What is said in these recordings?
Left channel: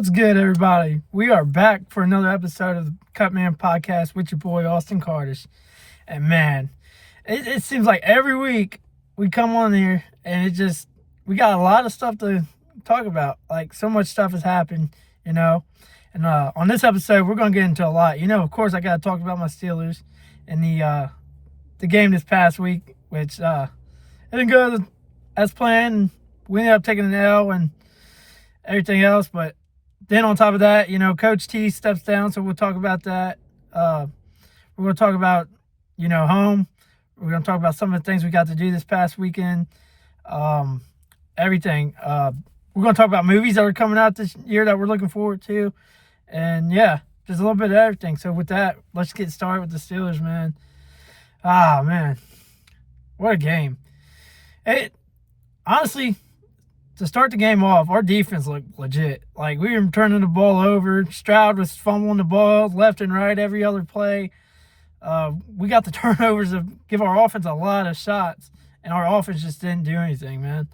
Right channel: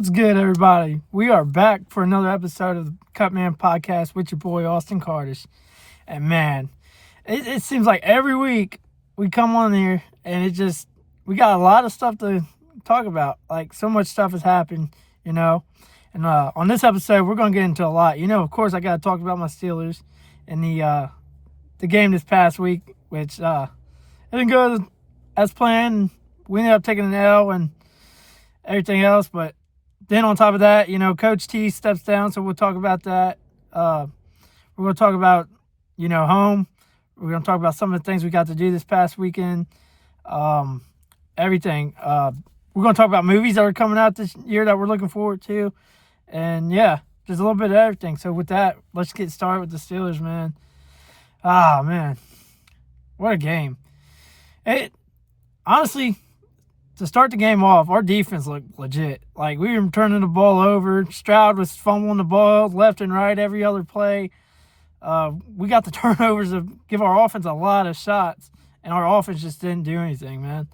What's good, everybody? We are back for another episode of the Cutman Podcast with your boy, Austin Cardish. And man, it seems like every week we come on here and we got a lot of stuff to talk about. Like, so much stuff has happened, And on this episode, we're going to get into a lot. Of course, I got to talk about my Steelers and the game this past week, which didn't go as planned. We ended up taking an L and everything else, but then on top of that, Coach T steps down, so we'll talk about that. We're going to talk about, home. We're going to talk about some of the things we got to do this past weekend. Everything. We're going to talk about movies that are coming out this year that we're looking forward to. And, yeah, there's a little bit of everything. So with that, let's get started with the Steelers, man. Man. What a game. Honestly, to start the game off, our defense looked legit. Like, we were turning the ball over. Stroud was fumbling the ball left and right every other play. We got the turnovers to give our offense a lot of shots, and our offense just didn't do anything, man.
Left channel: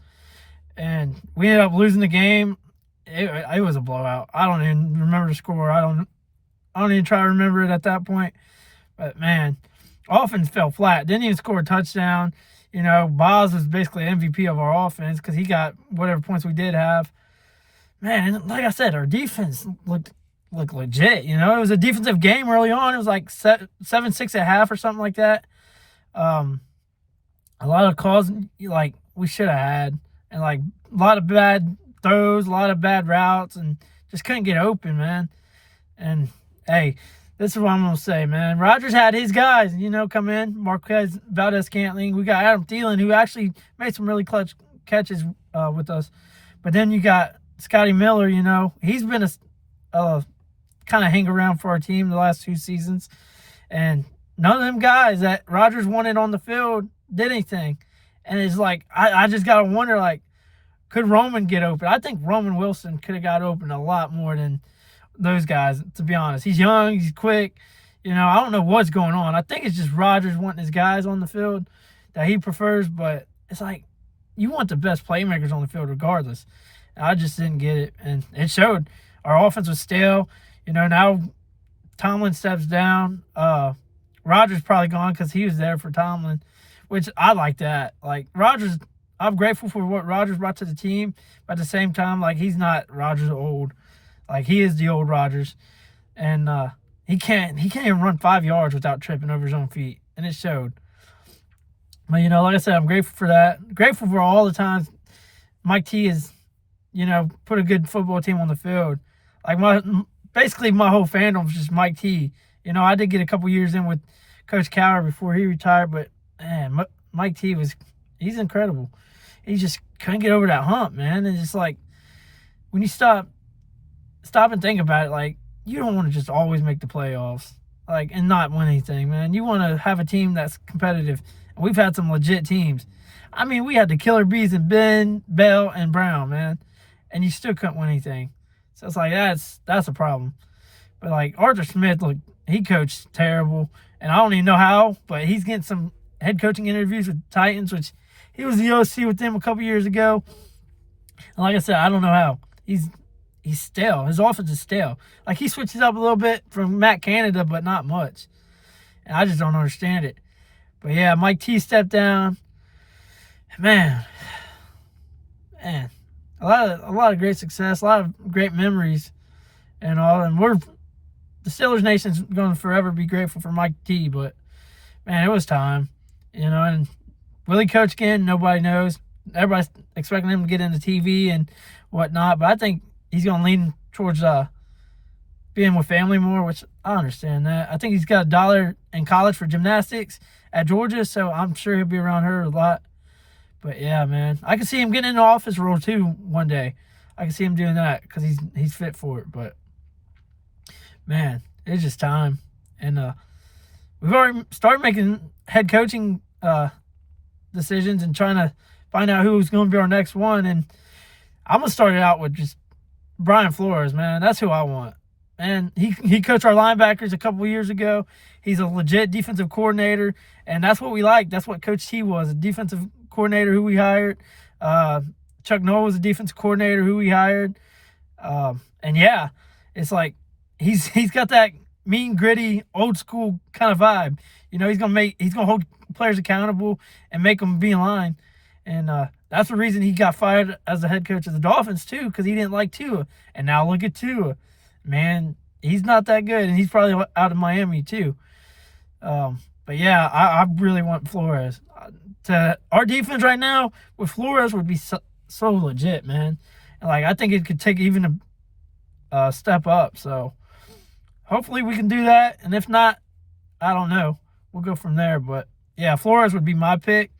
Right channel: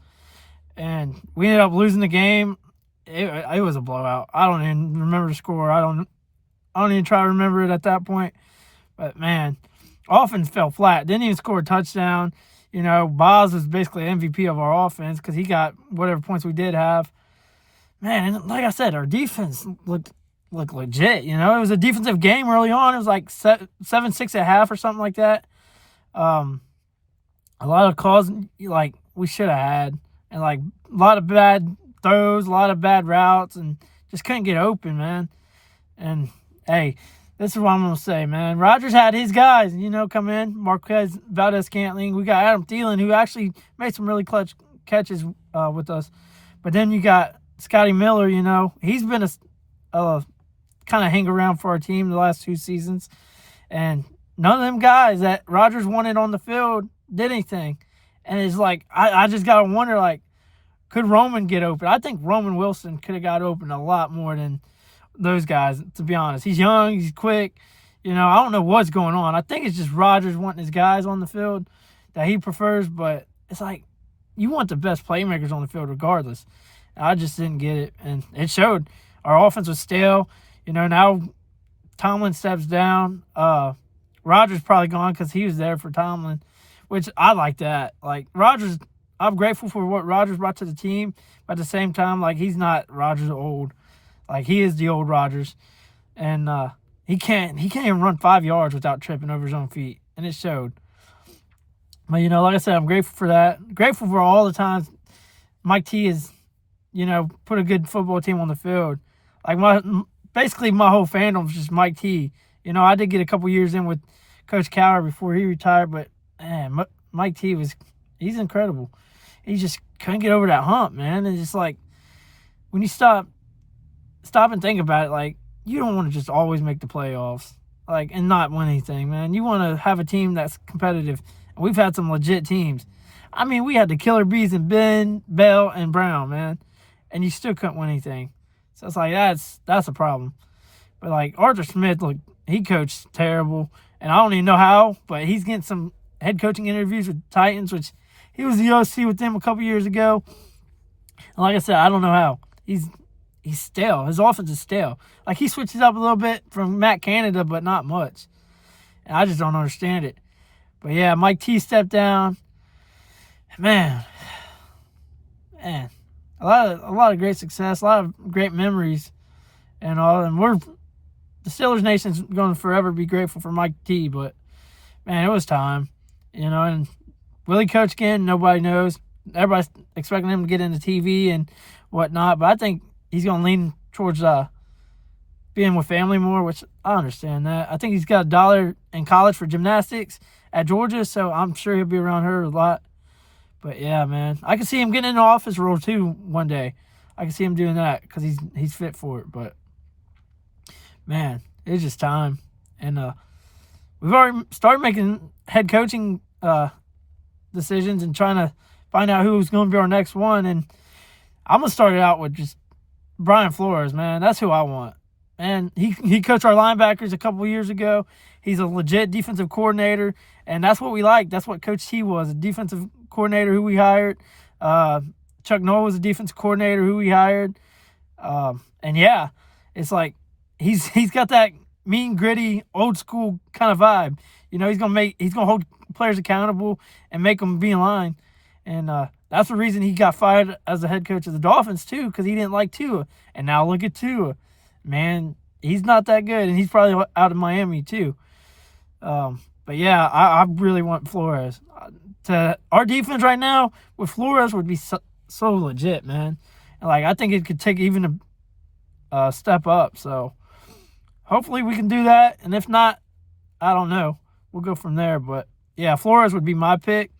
And we ended up losing the game. It was a blowout. I don't even remember the score. I don't even try to remember it at that point. But, man, offense fell flat. Didn't even score a touchdown. Boz was basically MVP of our offense because he got whatever points we did have. Man, and like I said, our defense looked legit. It was a defensive game early on. It was like 7-6 at half or something like that. A lot of calls like we should have had, and like a lot of bad throws, a lot of bad routes, and just couldn't get open, man. And hey, this is what I'm going to say, man. Rodgers had his guys, come in. Marquez Valdez-Scantling. We got Adam Thielen, who actually made some really clutch catches with us. But then you got Scotty Miller, He's been a kind of hang around for our team the last 2 seasons. And none of them guys that Rodgers wanted on the field did anything. And it's like, I just got to wonder, like, could Roman get open? I think Roman Wilson could have got open a lot more than those guys, to be honest. He's young, he's quick. I don't know what's going on. I think it's just Rodgers wanting his guys on the field that he prefers, but it's like you want the best playmakers on the field regardless. And I just didn't get it, and it showed. Our offense was stale. Now Tomlin steps down. Rodgers probably gone because he was there for Tomlin, which I like that. Like, Rodgers, I'm grateful for what Rodgers brought to the team, but at the same time, like, he's not Rodgers old. Like, he is the old Rodgers, and he can't even run 5 yards without tripping over his own feet, and it showed. But, like I said, I'm grateful for that. Grateful for all the times Mike T has, put a good football team on the field. Like, basically my whole fandom is just Mike T. I did get a couple years in with Coach Cowher before he retired, but, man, Mike T he's incredible. He just couldn't get over that hump, man. And it's like, when you stop and think about it, like, you don't want to just always make the playoffs, like, and not win anything, man. You want to have a team that's competitive. And we've had some legit teams. I mean, we had the killer bees in Ben, Bell, and Brown, man, and you still couldn't win anything. So it's like, that's a problem. But, like, Arthur Smith, look, he coached terrible, and I don't even know how, but he's getting some head coaching interviews with Titans, which he was the OC with them a couple years ago. And like I said, I don't know how. He's stale. His offense is stale. Like, he switches up a little bit from Matt Canada, but not much. And I just don't understand it. But, yeah, Mike T stepped down. Man, a lot of great success, a lot of great memories and all. And the Steelers Nation's going to forever be grateful for Mike T. But, man, it was time. And will he coach again? Nobody knows. Everybody's expecting him to get into TV and whatnot. But I think he's going to lean towards being with family more, which I understand that. I think he's got $1 in college for gymnastics at Georgia, so I'm sure he'll be around her a lot. But, yeah, man, I can see him getting into office role, too, one day. I can see him doing that because he's fit for it. But, man, it's just time. And we've already started making head coaching decisions and trying to find out who's going to be our next one. And I'm going to start it out with just Brian Flores, man. That's who I want. And he coached our linebackers a couple of years ago. He's a legit defensive coordinator, and that's what we like. That's what Coach T was, a defensive coordinator who we hired. Chuck Noll was a defensive coordinator who we hired. And yeah, it's like he's got that mean, gritty, old school kind of vibe. He's gonna hold players accountable and make them be in line. And that's the reason he got fired as the head coach of the Dolphins too, because he didn't like Tua. And now look at Tua, man, he's not that good, and he's probably out of Miami too. But yeah, I really want Flores. Our defense right now with Flores would be so legit, man. And I think it could take even a step up. So hopefully we can do that. And if not, I don't know. We'll go from there. But yeah, Flores would be my pick.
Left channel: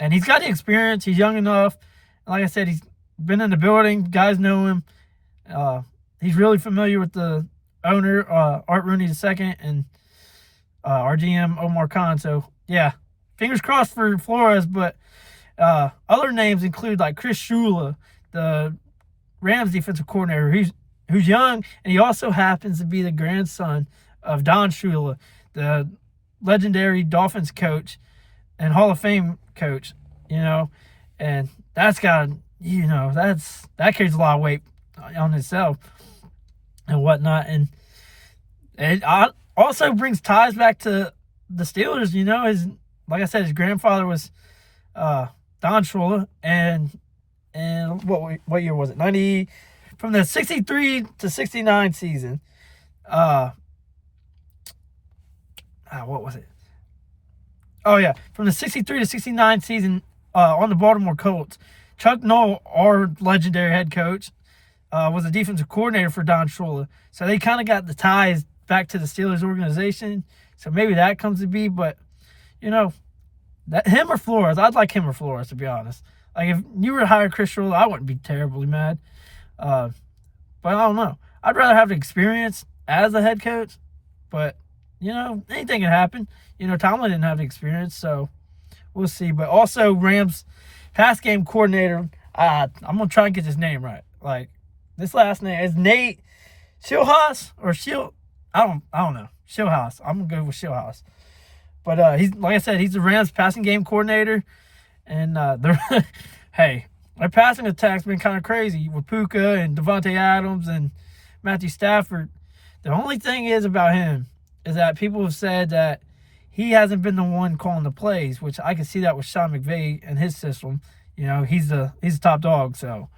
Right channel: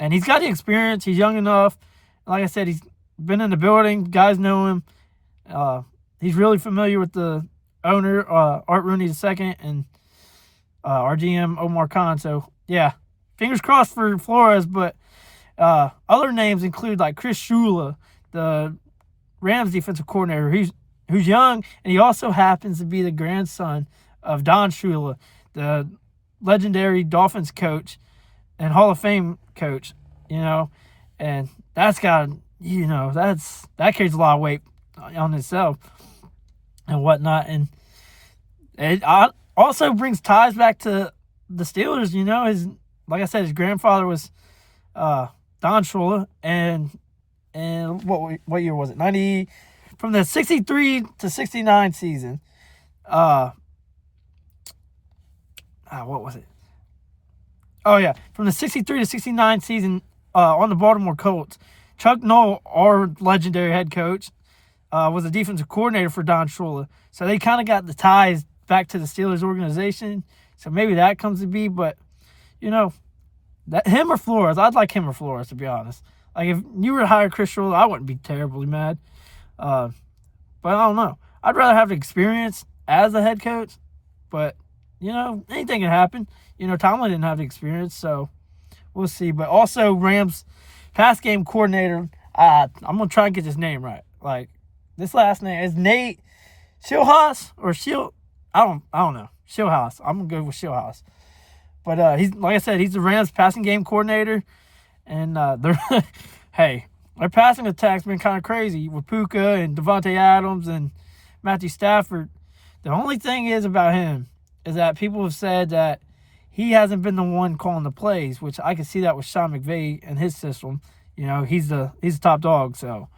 And he's got the experience. He's young enough. Like I said, he's been in the building. Guys know him. He's really familiar with the owner, Art Rooney II, and our GM, Omar Khan. So, yeah, fingers crossed for Flores. But other names include Chris Shula, the Rams defensive coordinator, who's young, and he also happens to be the grandson of Don Shula, the legendary Dolphins coach and Hall of Fame coach, and that's got, that carries a lot of weight on itself and whatnot. And it also brings ties back to the Steelers. Like I said, his grandfather was Don Shula, and what year was it? 90, from the 63 to 69 season. What was it? Oh, yeah. From the 63 to 69 season on the Baltimore Colts, Chuck Noll, our legendary head coach, was a defensive coordinator for Don Shula. So they kind of got the ties back to the Steelers organization. So maybe that comes to be. But, that him or Flores, I'd like him or Flores, to be honest. If you were to hire Chris Shula, I wouldn't be terribly mad. But I don't know. I'd rather have the experience as a head coach. But, anything can happen. Tomlin didn't have the experience, so we'll see. But also, Rams pass game coordinator, I'm going to try and get his name right. This last name is Nate Schilhaus or I don't know. Schilhaus. I'm going to go with Schilhaus. But he's, like I said, he's the Rams passing game coordinator. And hey, their passing attack's been kind of crazy with Puka and Devontae Adams and Matthew Stafford. The only thing is about him is that people have said that he hasn't been the one calling the plays, which I can see that with Sean McVay and his system. He's the top dog, so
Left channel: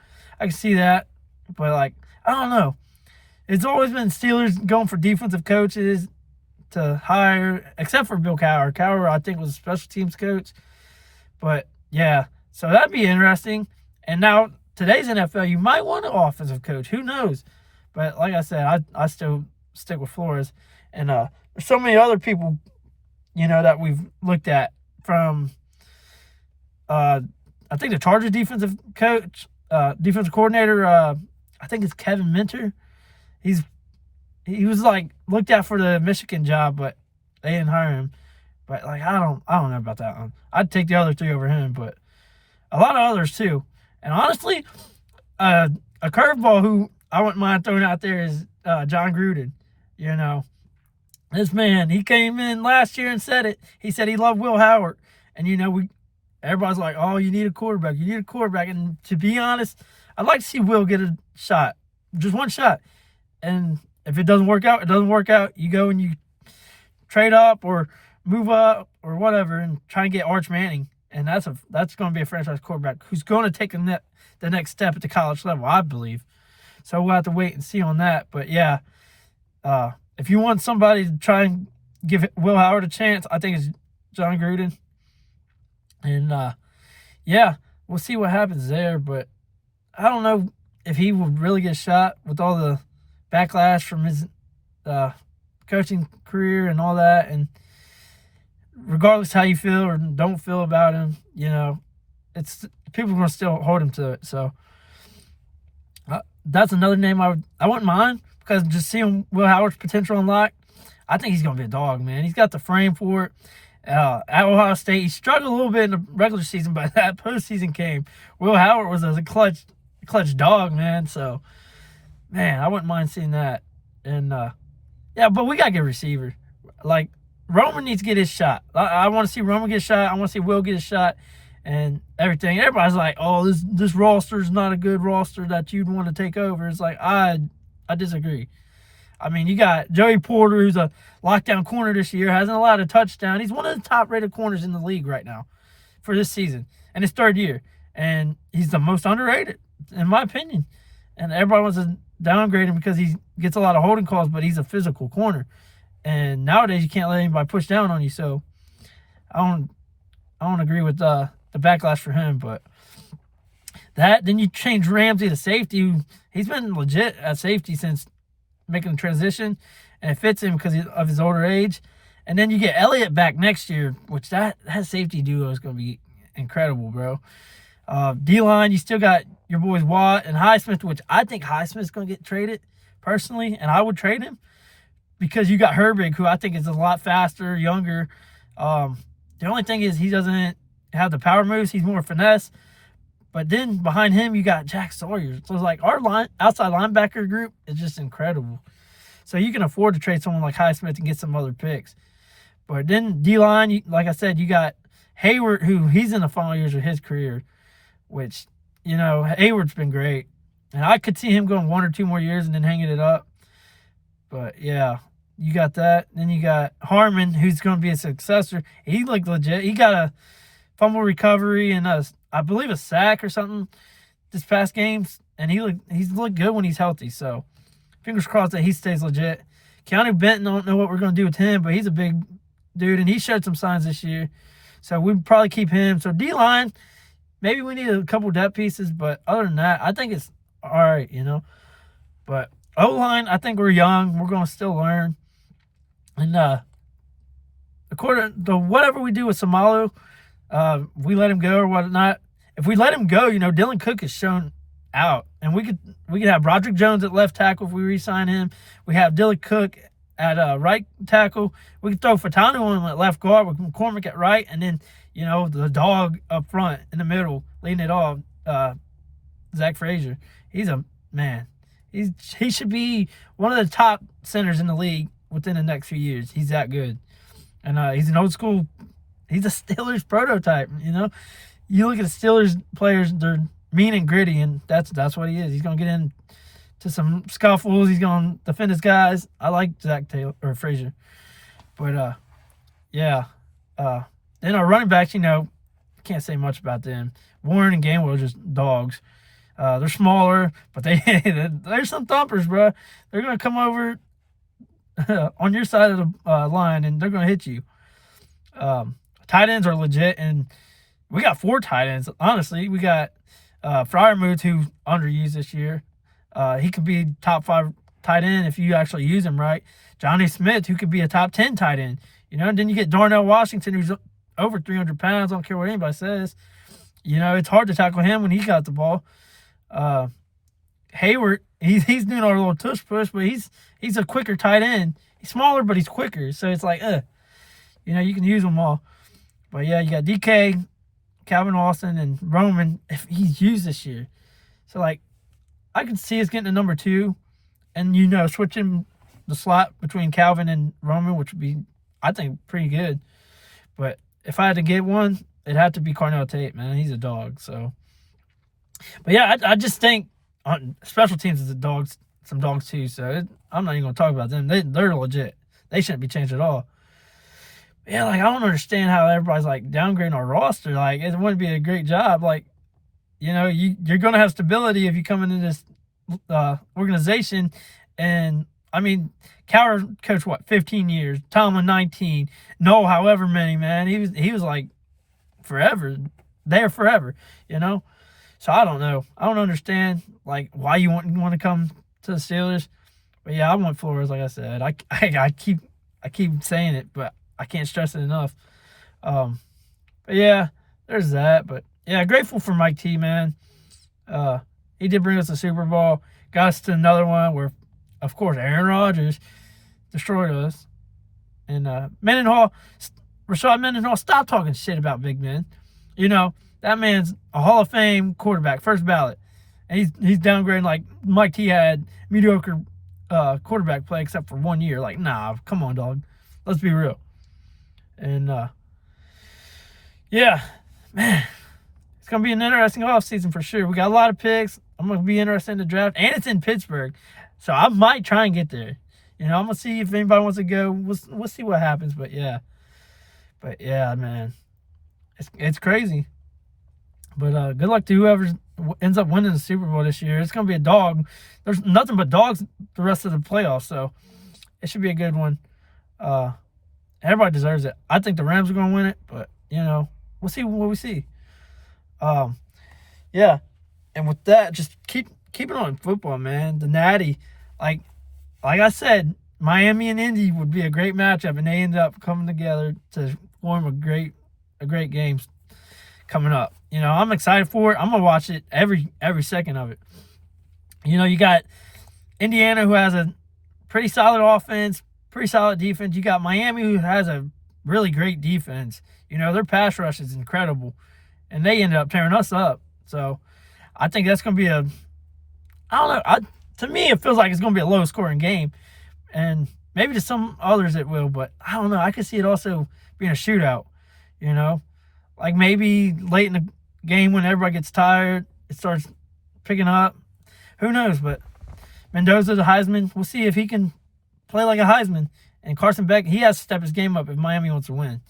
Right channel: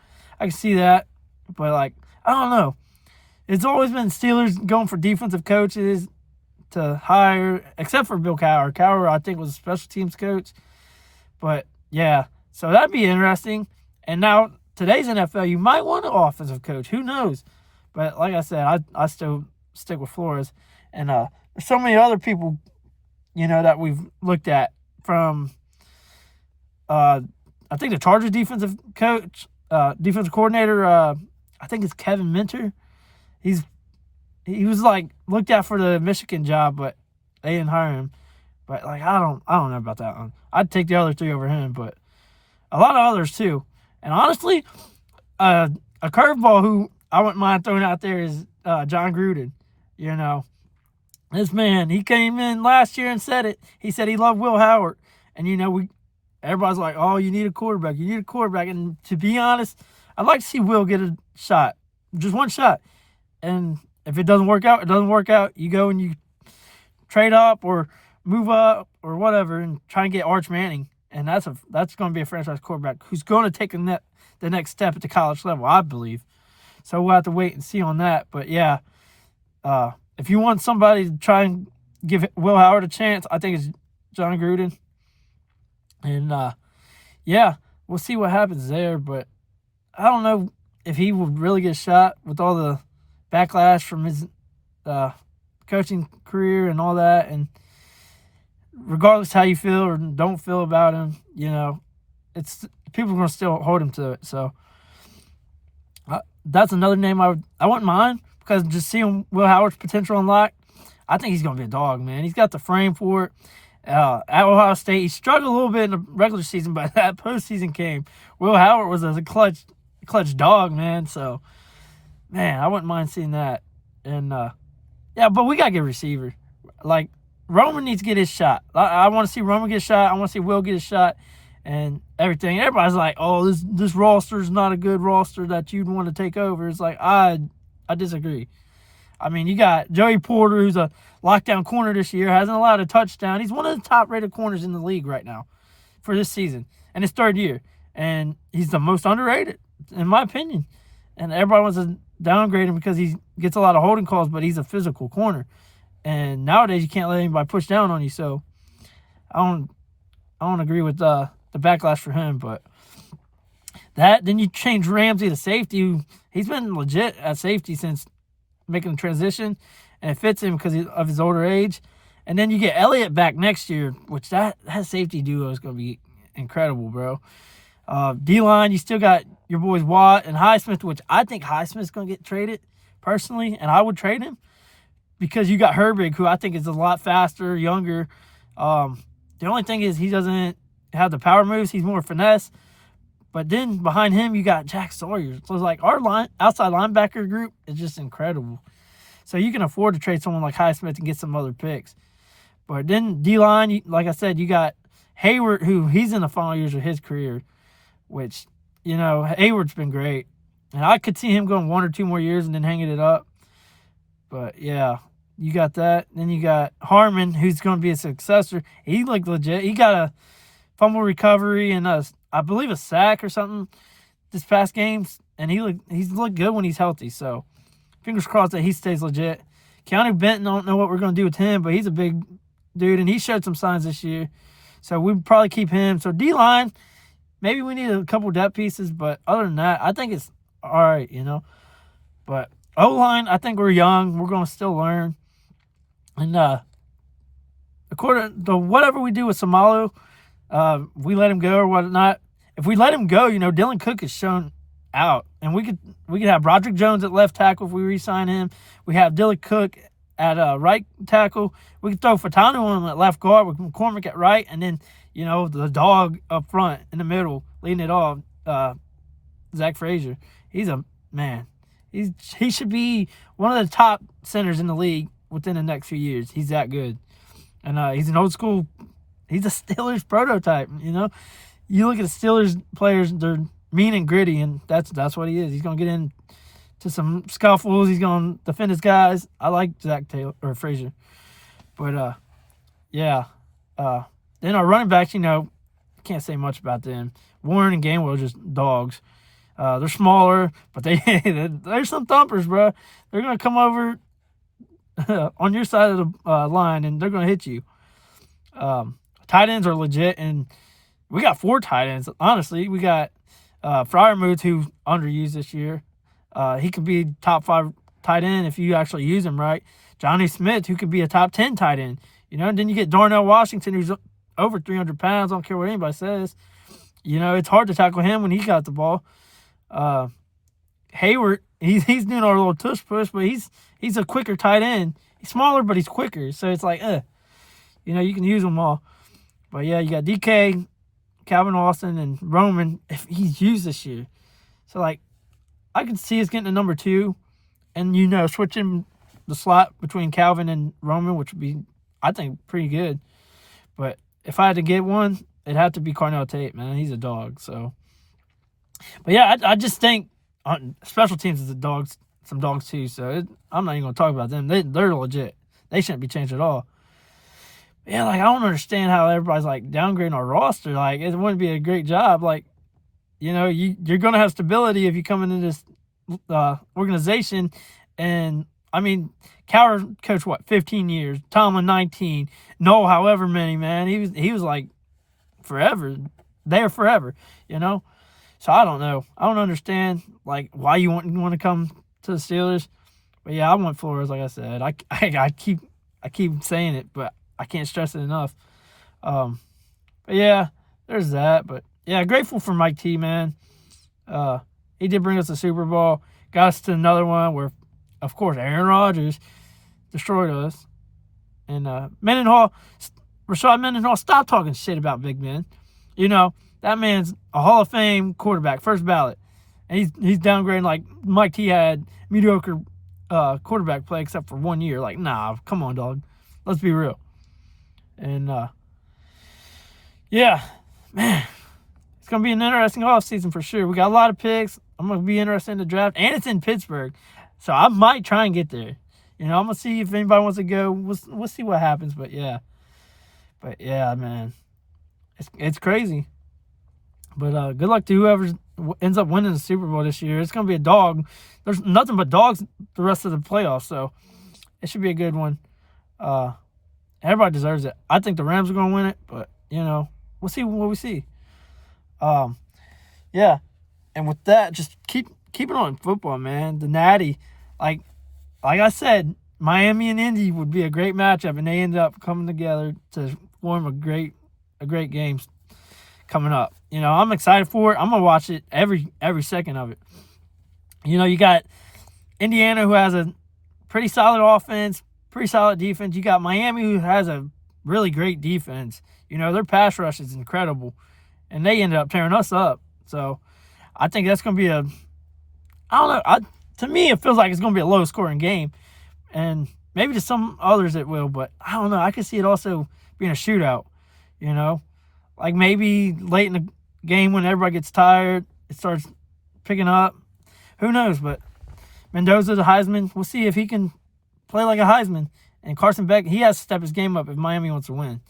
I can see that. But I don't know. It's always been Steelers going for defensive coaches to hire, except for Bill Cowher. Cowher, I think, was a special teams coach. But yeah, so that'd be interesting. And now today's NFL, you might want an offensive coach. Who knows? But like I said, I still stick with Flores. And there's so many other people, that we've looked at from, I think the Chargers defensive coordinator, I think it's Kevin Minter. He was looked at for the Michigan job, but they didn't hire him. But I don't know about that one. I'd take the other three over him, but a lot of others too. And honestly, a curveball who I wouldn't mind throwing out there is John Gruden. This man, he came in last year and said it. He said he loved Will Howard, and everybody's like, "Oh, you need a quarterback. You need a quarterback." And to be honest, I'd like to see Will get a shot, just one shot. And if it doesn't work out, it doesn't work out. You go and you trade up or move up or whatever and try and get Arch Manning. And that's going to be a franchise quarterback who's going to take the next step at the college level, I believe. So we'll have to wait and see on that. But yeah, if you want somebody to try and give Will Howard a chance, I think it's John Gruden. And yeah, we'll see what happens there. But I don't know if he would really get a shot with all the backlash from his coaching career and all that. And regardless how you feel or don't feel about him, it's people are going to still hold him to it. So that's another name I wouldn't mind, because just seeing Will Howard's potential unlocked, I think he's going to be a dog, man. He's got the frame for it. At Ohio State, he struggled a little bit in the regular season, but that postseason came. Will Howard was a clutch dog, man. So, man, I wouldn't mind seeing that. And, yeah, but we got to get a receiver. Roman needs to get his shot. I want to see Roman get a shot. I want to see Will get a shot. and everything. Everybody's like, oh, this roster is not a good roster that you'd want to take over. It's like, I disagree. I mean, you got Joey Porter, who's a lockdown corner this year, hasn't allowed a touchdown. He's one of the top-rated corners in the league right now for this season, and his third year. And he's the most underrated, in my opinion. And everybody wants to downgrade him because he gets a lot of holding calls, but he's a physical corner. And nowadays, you can't let anybody push down on you. So I don't agree with the backlash for him. But then you change Ramsey to safety. He's been legit at safety since making the transition, and it fits him because of his older age. And then you get Elliott back next year, which that safety duo is going to be incredible, bro. D-line, you still got your boys Watt and Highsmith, which I think Highsmith's going to get traded personally, and I would trade him because you got Herbig, who I think is a lot faster, younger. The only thing is he doesn't have the power moves. He's more finesse. But then behind him, you got Jack Sawyer. So it's like our outside linebacker group is just incredible. So you can afford to trade someone like Highsmith and get some other picks. But then D-line, like I said, you got Hayward, who he's in the final years of his career, which, Hayward's been great. And I could see him going 1 or 2 more years and then hanging it up. But, yeah, you got that. Then you got Harmon, who's going to be a successor. He looked legit. He got a fumble recovery and I believe a sack or something this past games. And he's looked good when he's healthy. So, fingers crossed that he stays legit. Keanu Benton, I don't know what we're going to do with him, but he's a big dude, and he showed some signs this year. So, we'd probably keep him. So, D-line, maybe we need a couple depth pieces, but other than that, I think it's all right, But O-line, I think we're young. We're going to still learn. And according to whatever we do with Samalu, we let him go or whatnot. If we let him go, Dylan Cook is shown out. And we could have Broderick Jones at left tackle if we re-sign him. We have Dylan Cook at right tackle. We could throw Fatanu on at left guard with McCormick at right. And then, the dog up front in the middle, leading it off, Zach Frazier. He's a man. He should be one of the top centers in the league within the next few years. He's that good. And he's an old school. He's a Steelers prototype, You look at the Steelers players, they're mean and gritty, and that's what he is. He's going to get into some scuffles. He's going to defend his guys. I like Zach Taylor or Frazier. But, yeah. Then our running backs, can't say much about them. Warren and Gainwell are just dogs. They're smaller, but they're some thumpers, bro. They're going to come over on your side of the line, and they're going to hit you. Tight ends are legit, and we got 4 tight ends. Honestly, we got Freiermuth, who's underused this year. He could be top 5 tight end if you actually use him right. Johnny Smith, who could be a top 10 tight end. And then you get Darnell Washington, who's over 300 pounds. I don't care what anybody says. It's hard to tackle him when he got the ball. Hayward, he's doing our little tush push, but he's a quicker tight end. He's smaller, but he's quicker. So it's like, you can use them all. But, yeah, you got DK, Calvin Austin, and Roman, if he's used this year. So, I could see us getting to number 2 and, switching the slot between Calvin and Roman, which would be, I think, pretty good. But if I had to get one, it'd have to be Cornell Tate, man. He's a dog. So, but, yeah, I just think special teams is some dogs too. So, I'm not even going to talk about them. They're legit. They shouldn't be changed at all. Yeah, I don't understand how everybody's, downgrading our roster. It wouldn't be a great job. You're going to have stability if you come into this organization. And, Cowher coached, 15 years. Tomlin, 19. No, however many, man. He was forever. There forever, So, I don't know. I don't understand, why you want to come to the Steelers. But, yeah, I want Flores, like I said. I keep saying it, but I can't stress it enough. But yeah, there's that. But yeah, grateful for Mike T, man. He did bring us a Super Bowl. Got us to another one where, of course, Aaron Rodgers destroyed us. And Rashad Mendenhall, stop talking shit about Big Ben. That man's a Hall of Fame quarterback, first ballot. And he's downgrading Mike T had mediocre quarterback play except for 1 year. Nah, come on, dog. Let's be real. And, yeah, man, It's going to be an interesting offseason for sure. We got a lot of picks. I'm going to be interested in the draft. And it's in Pittsburgh. So I might try and get there. I'm going to see if anybody wants to go. We'll see what happens. But yeah, man. It's crazy. But good luck to whoever ends up winning the Super Bowl this year. It's going to be a dog. There's nothing but dogs the rest of the playoffs. So it should be a good one. Everybody deserves it. I think the Rams are going to win it. But, we'll see what we see. Yeah. And with that, just keep it on football, man. The Natty, like I said, Miami and Indy would be a great matchup, and they ended up coming together to form a great game coming up. I'm excited for it. I'm gonna watch it every second of it. You got Indiana, who has a pretty solid offense, pretty solid defense. You got Miami, who has a really great defense. Their pass rush is incredible, and they ended up tearing us up. So I think that's going to be I don't know. To me, it feels like it's going to be a low-scoring game, and maybe to some others it will, but I don't know. I could see it also being a shootout, Like maybe late in the game when everybody gets tired, it starts picking up. Who knows? But Mendoza, the Heisman, we'll see if he can play like a Heisman. And Carson Beck, he has to step his game up if Miami wants to win.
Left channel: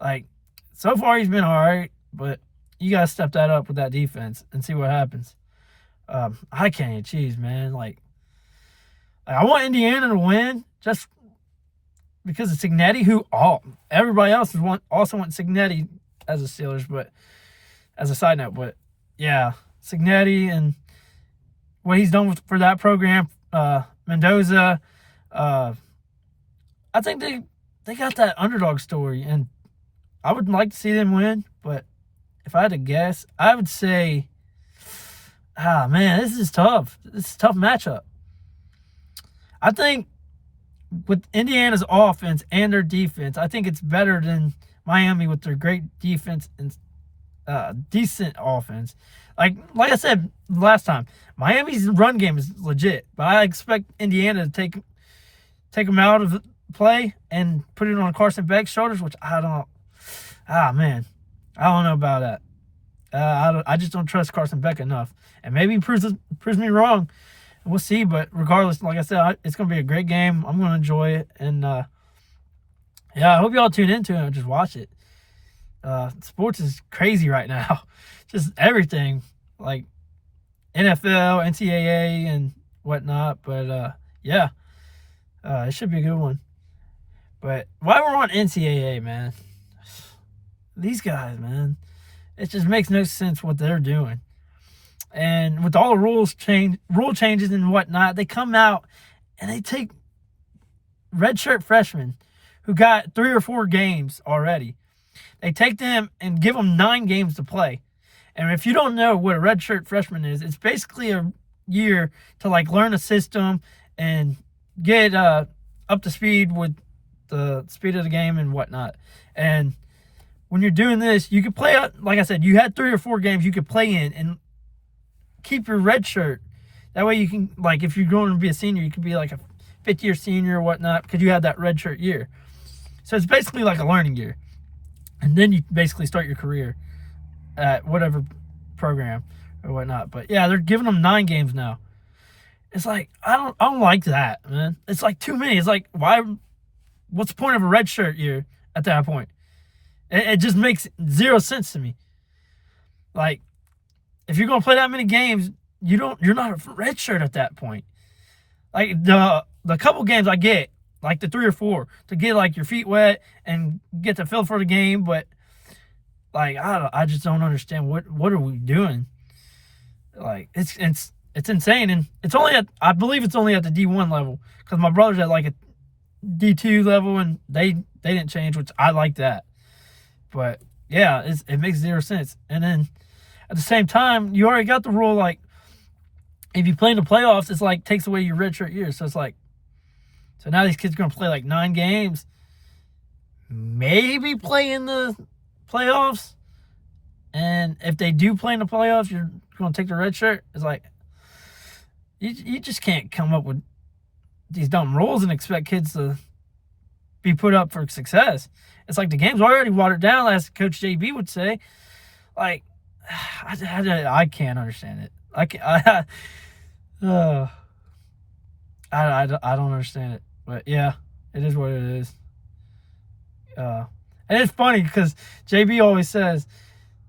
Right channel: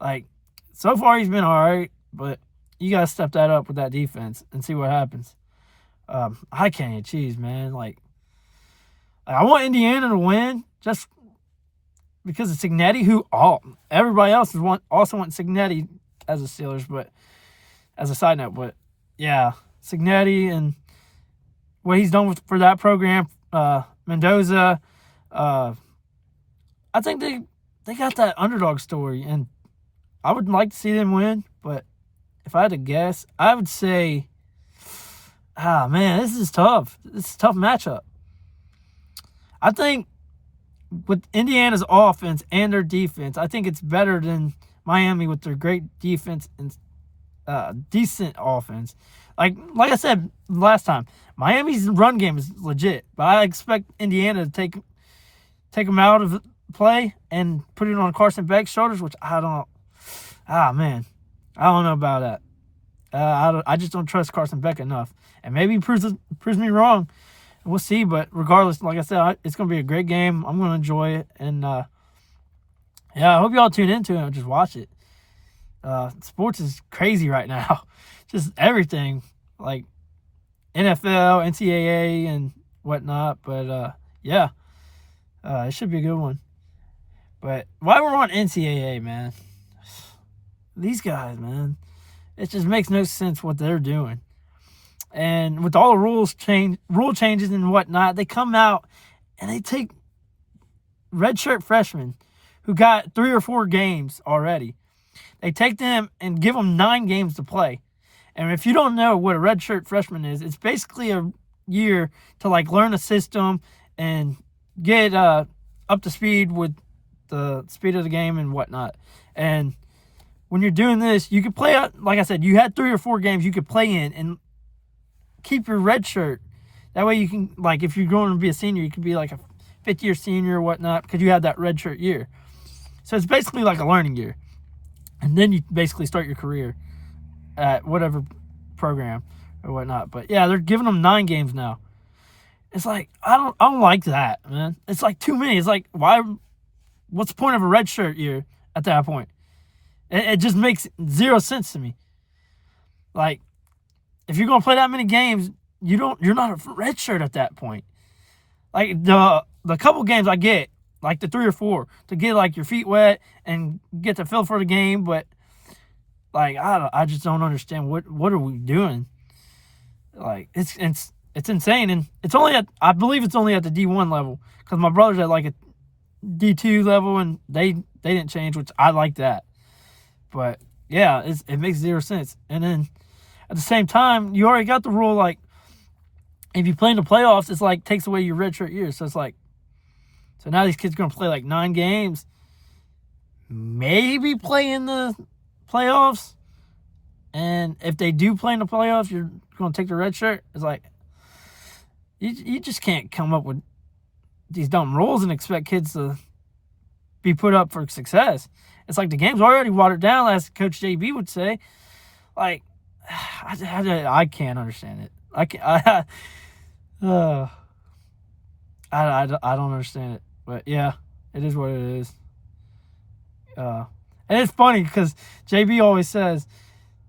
Like, so far he's been all right, but you got to step that up with that defense and see what happens. I can't eat cheese, man. Like, I want Indiana to win just because of Cignetti, who everybody else also wants Cignetti as a Steelers, but as a side note. But, yeah, Cignetti and what he's done for that program, Mendoza, I think they got that underdog story, and I would like to see them win, but if I had to guess, I would say, man, this is tough. This is a tough matchup. I think with Indiana's offense and their defense, I think it's better than Miami with their great defense and decent offense. Like I said last time, Miami's run game is legit, but I expect Indiana to take them out of play and put it on Carson Beck's shoulders, which I don't. Man, I don't know about that. I just don't trust Carson Beck enough, and maybe he proves me wrong. We'll see, but regardless, like I said, it's going to be a great game. I'm going to enjoy it, and I hope y'all tune into it and just watch it. Sports is crazy right now, just everything, like NFL, NCAA, and whatnot. But it should be a good one. But while we're on NCAA, man, these guys, man, it just makes no sense what they're doing. And with all the rule changes and whatnot, they come out and they take redshirt freshmen who got 3 or 4 games already. They take them and give them 9 games to play. And if you don't know what a redshirt freshman is, it's basically a year to learn a system and get up to speed with the speed of the game and whatnot. And when you're doing this, you could play out, like I said, you had 3 or 4 games you could play in and keep your red shirt. That way you can, if you're going to be a senior, you could be like a fifth-year senior or whatnot because you had that red shirt year. So it's basically like a learning year. And then you basically start your career at whatever program or whatnot. But, yeah, they're giving them 9 games now. It's I don't like that, man. It's too many. It's why? What's the point of a red shirt year at that point? It just makes 0 sense to me. If you're gonna play that many games, you're not a red shirt at that point. The couple games I get, the 3 or 4, to get your feet wet and get the feel for the game, but I just don't understand what are we doing? It's insane, and I believe it's only at the D1 level because my brother's at a D2 level and they didn't change, which I like that. But yeah, it makes 0 sense. And then at the same time, you already got the rule if you play in the playoffs, it's takes away your redshirt year. So it's so now these kids are gonna play 9 games, maybe play in the playoffs. And if they do play in the playoffs, you're gonna take the red shirt. It's you just can't come up with these dumb rules and expect kids to be put up for success. It's the game's already watered down, as Coach JB would say. I can't understand it. I can't. Uh, I don't understand it. But yeah, it is what it is. And it's funny because JB always says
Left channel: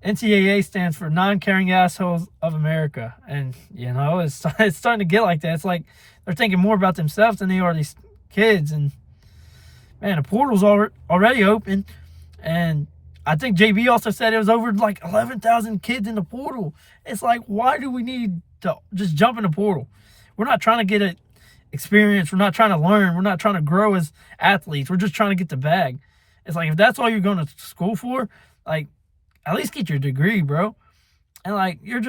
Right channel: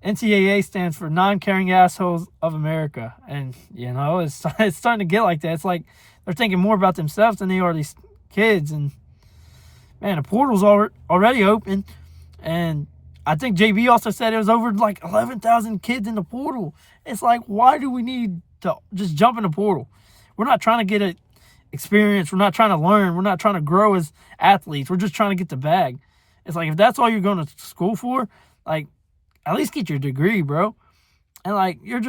NCAA stands for Non-Caring Assholes of America, and it's starting to get like that. It's like they're thinking more about themselves than they are these kids. And man, the portal's already open, and I think JB also said it was over like 11,000 kids in the portal. It's like, why do we need to just jump in the portal? We're not trying to get an experience. We're not trying to learn. We're not trying to grow as athletes. We're just trying to get the bag. It's like, if that's all you're going to school for, like, at least get your degree, bro. And like, you're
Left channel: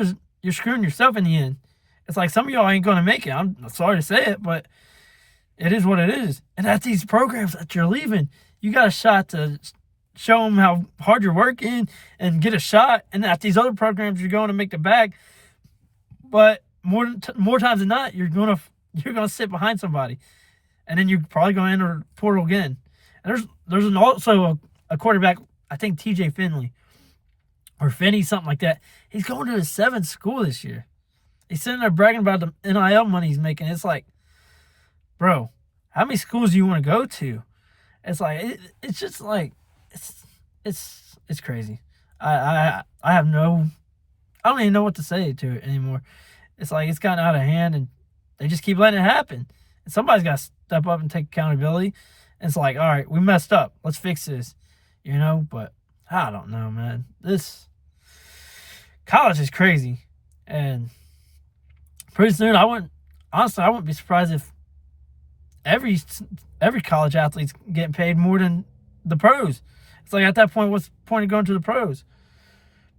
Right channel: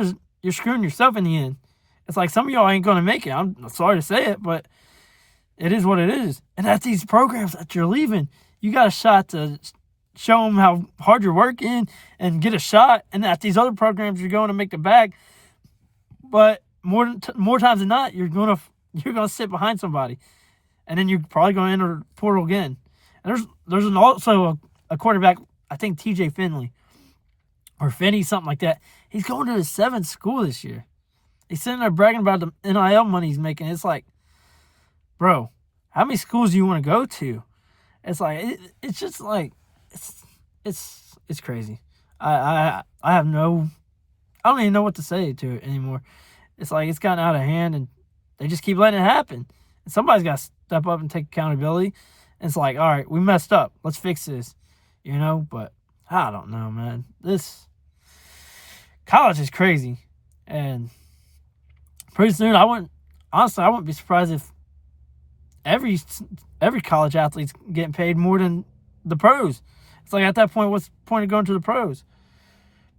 screwing yourself in the end. It's like, some of y'all ain't going to make it. I'm sorry to say it, but it is what it is. And at these programs that you're leaving, you got a shot to show them how hard you're working and get a shot. And at these other programs, you're going to make the bag. But more times than not, you're gonna sit behind somebody, and then you're probably going to enter the portal again. And there's also a quarterback, I think TJ Finley or Finney, something like that. He's going to his 7th school this year. He's sitting there bragging about the NIL money he's making. It's like, bro, how many schools do you want to go to? It's like it's just like it's crazy. I don't even know what to say to it anymore. It's like it's gotten out of hand, and they just keep letting it happen. And somebody's got to step up and take accountability. And it's like, all right, we messed up. Let's fix this, But I don't know, man. This college is crazy, and pretty soon I wouldn't be surprised if every college athlete's getting paid more than the pros. It's like, at that point, what's the point of going to the pros?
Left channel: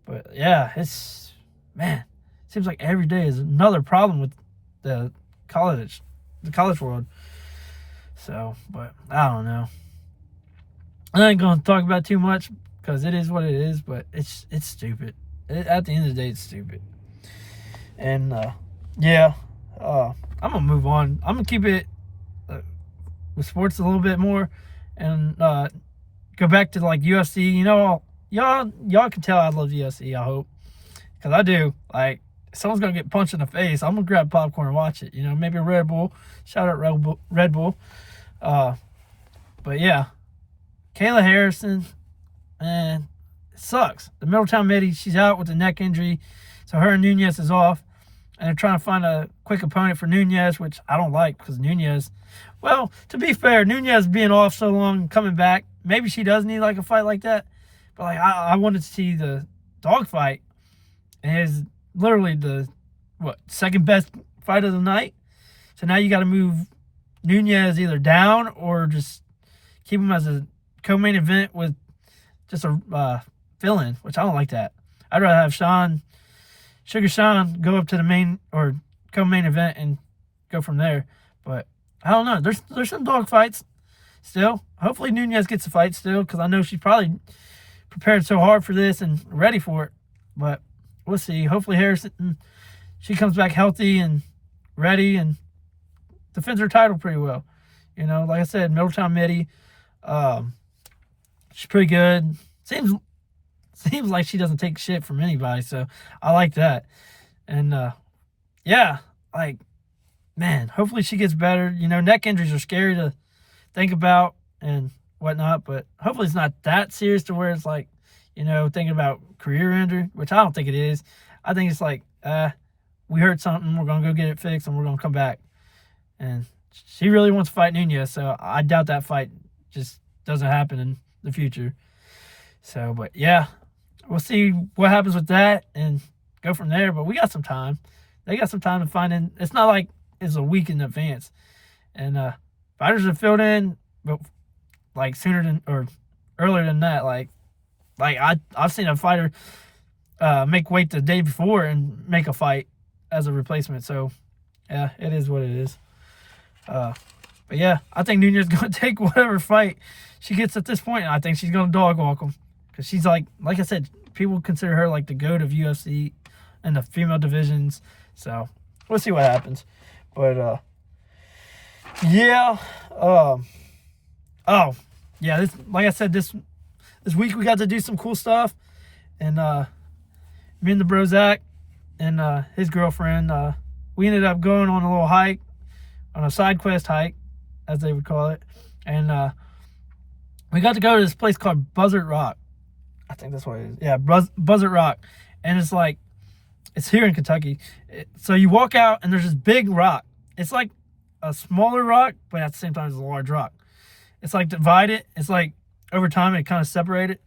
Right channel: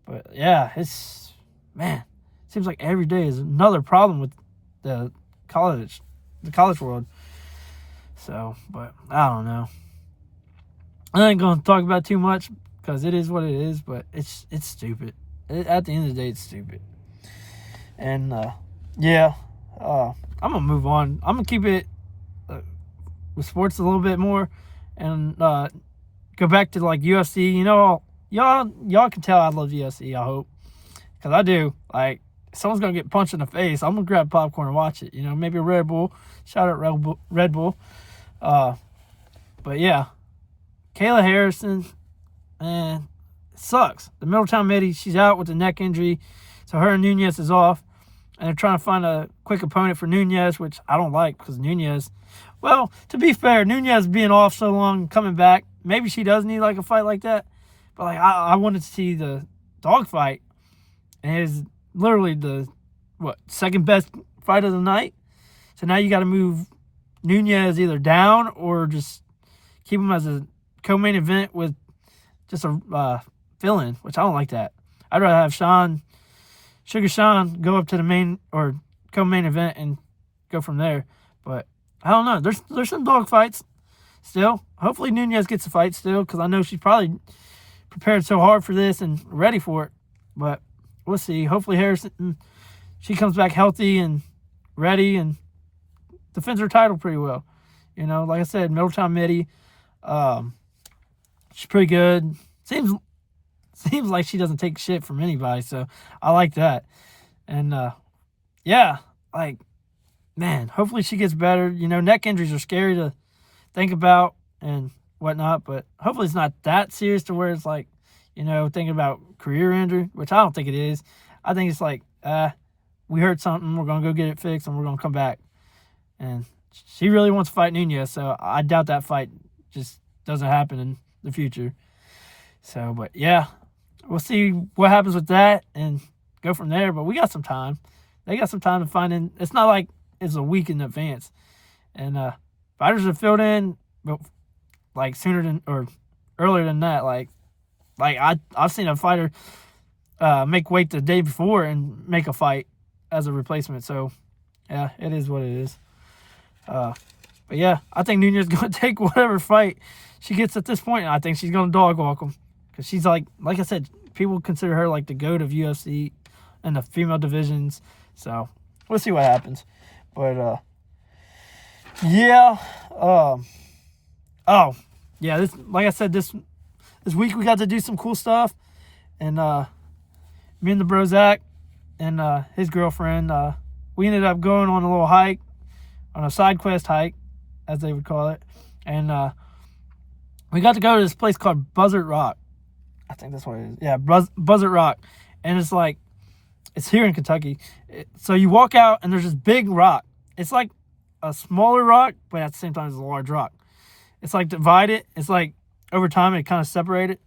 But yeah, seems like every day is another problem with the college world. So, but I don't know. I ain't gonna talk about it too much because it is what it is. But it's stupid. At the end of the day, it's stupid. And I'm gonna move on. I'm gonna keep it with sports a little bit more, and go back to like UFC. Y'all can tell I love UFC. I hope, because I do. Like, if someone's gonna get punched in the face, I'm gonna grab popcorn and watch it. Maybe a Red Bull. Shout out Red Bull. But yeah, Kayla Harrison, man, it sucks. The Middletown Midi, she's out with a neck injury, so her and Nunez is off, and they're trying to find a quick opponent for Nunez, which I don't like, because Nunez, well, to be fair, Nunez being off so long and coming back, maybe she does need like a fight like that, but like I wanted to see the dog fight, and it's literally the second best fight of the night. So now you got to move Nunez either down or just keep him as a co-main event with just a fill-in, which I don't like that. I'd rather have Sugar Sean go up to the main or co-main event and go from there. But I don't know. There's some dog fights still. Hopefully Nunez gets a fight still, because I know she's probably prepared so hard for this and ready for it. But we'll see. Hopefully Harrison, she comes back healthy and ready and defends her title pretty well. Like I said, Middletown Midi, she's pretty good. Seems like she doesn't take shit from anybody, so I like that. And man, hopefully she gets better. Neck injuries are scary to think about and whatnot, but hopefully it's not that serious to where it's like, thinking about career injury, which I don't think it is. I think it's like, we heard something, we're going to go get it fixed, and we're going to come back. And she really wants to fight Nunez, so I doubt that fight just doesn't happen in the future. So, but yeah, we'll see what happens with that and go from there. But we got some time. They got some time to find in. It's not like it's a week in advance. And fighters are filled in, but like sooner than or earlier than that. Like I've seen a fighter make weight the day before and make a fight as a replacement. So yeah, it is what it is. But yeah, I think Nunez is going to take whatever fight she gets at this point, and I think she's going to dog walk him, because she's like I said, people consider her like the GOAT of UFC and the female divisions. So we'll see what happens. But this, like I said, this week we got to do some cool stuff, and me and the bro Zach and his girlfriend, we ended up going on a little hike, on a side quest hike, as they would call it. And we got to go to this place called Buzzard Rock. I think that's what it is. Yeah, Buzzard Rock. And it's here in Kentucky. So you walk out and there's this big rock. It's like a smaller rock, but at the same time it's a large rock. It's like divided. It's like over time it kind of separated.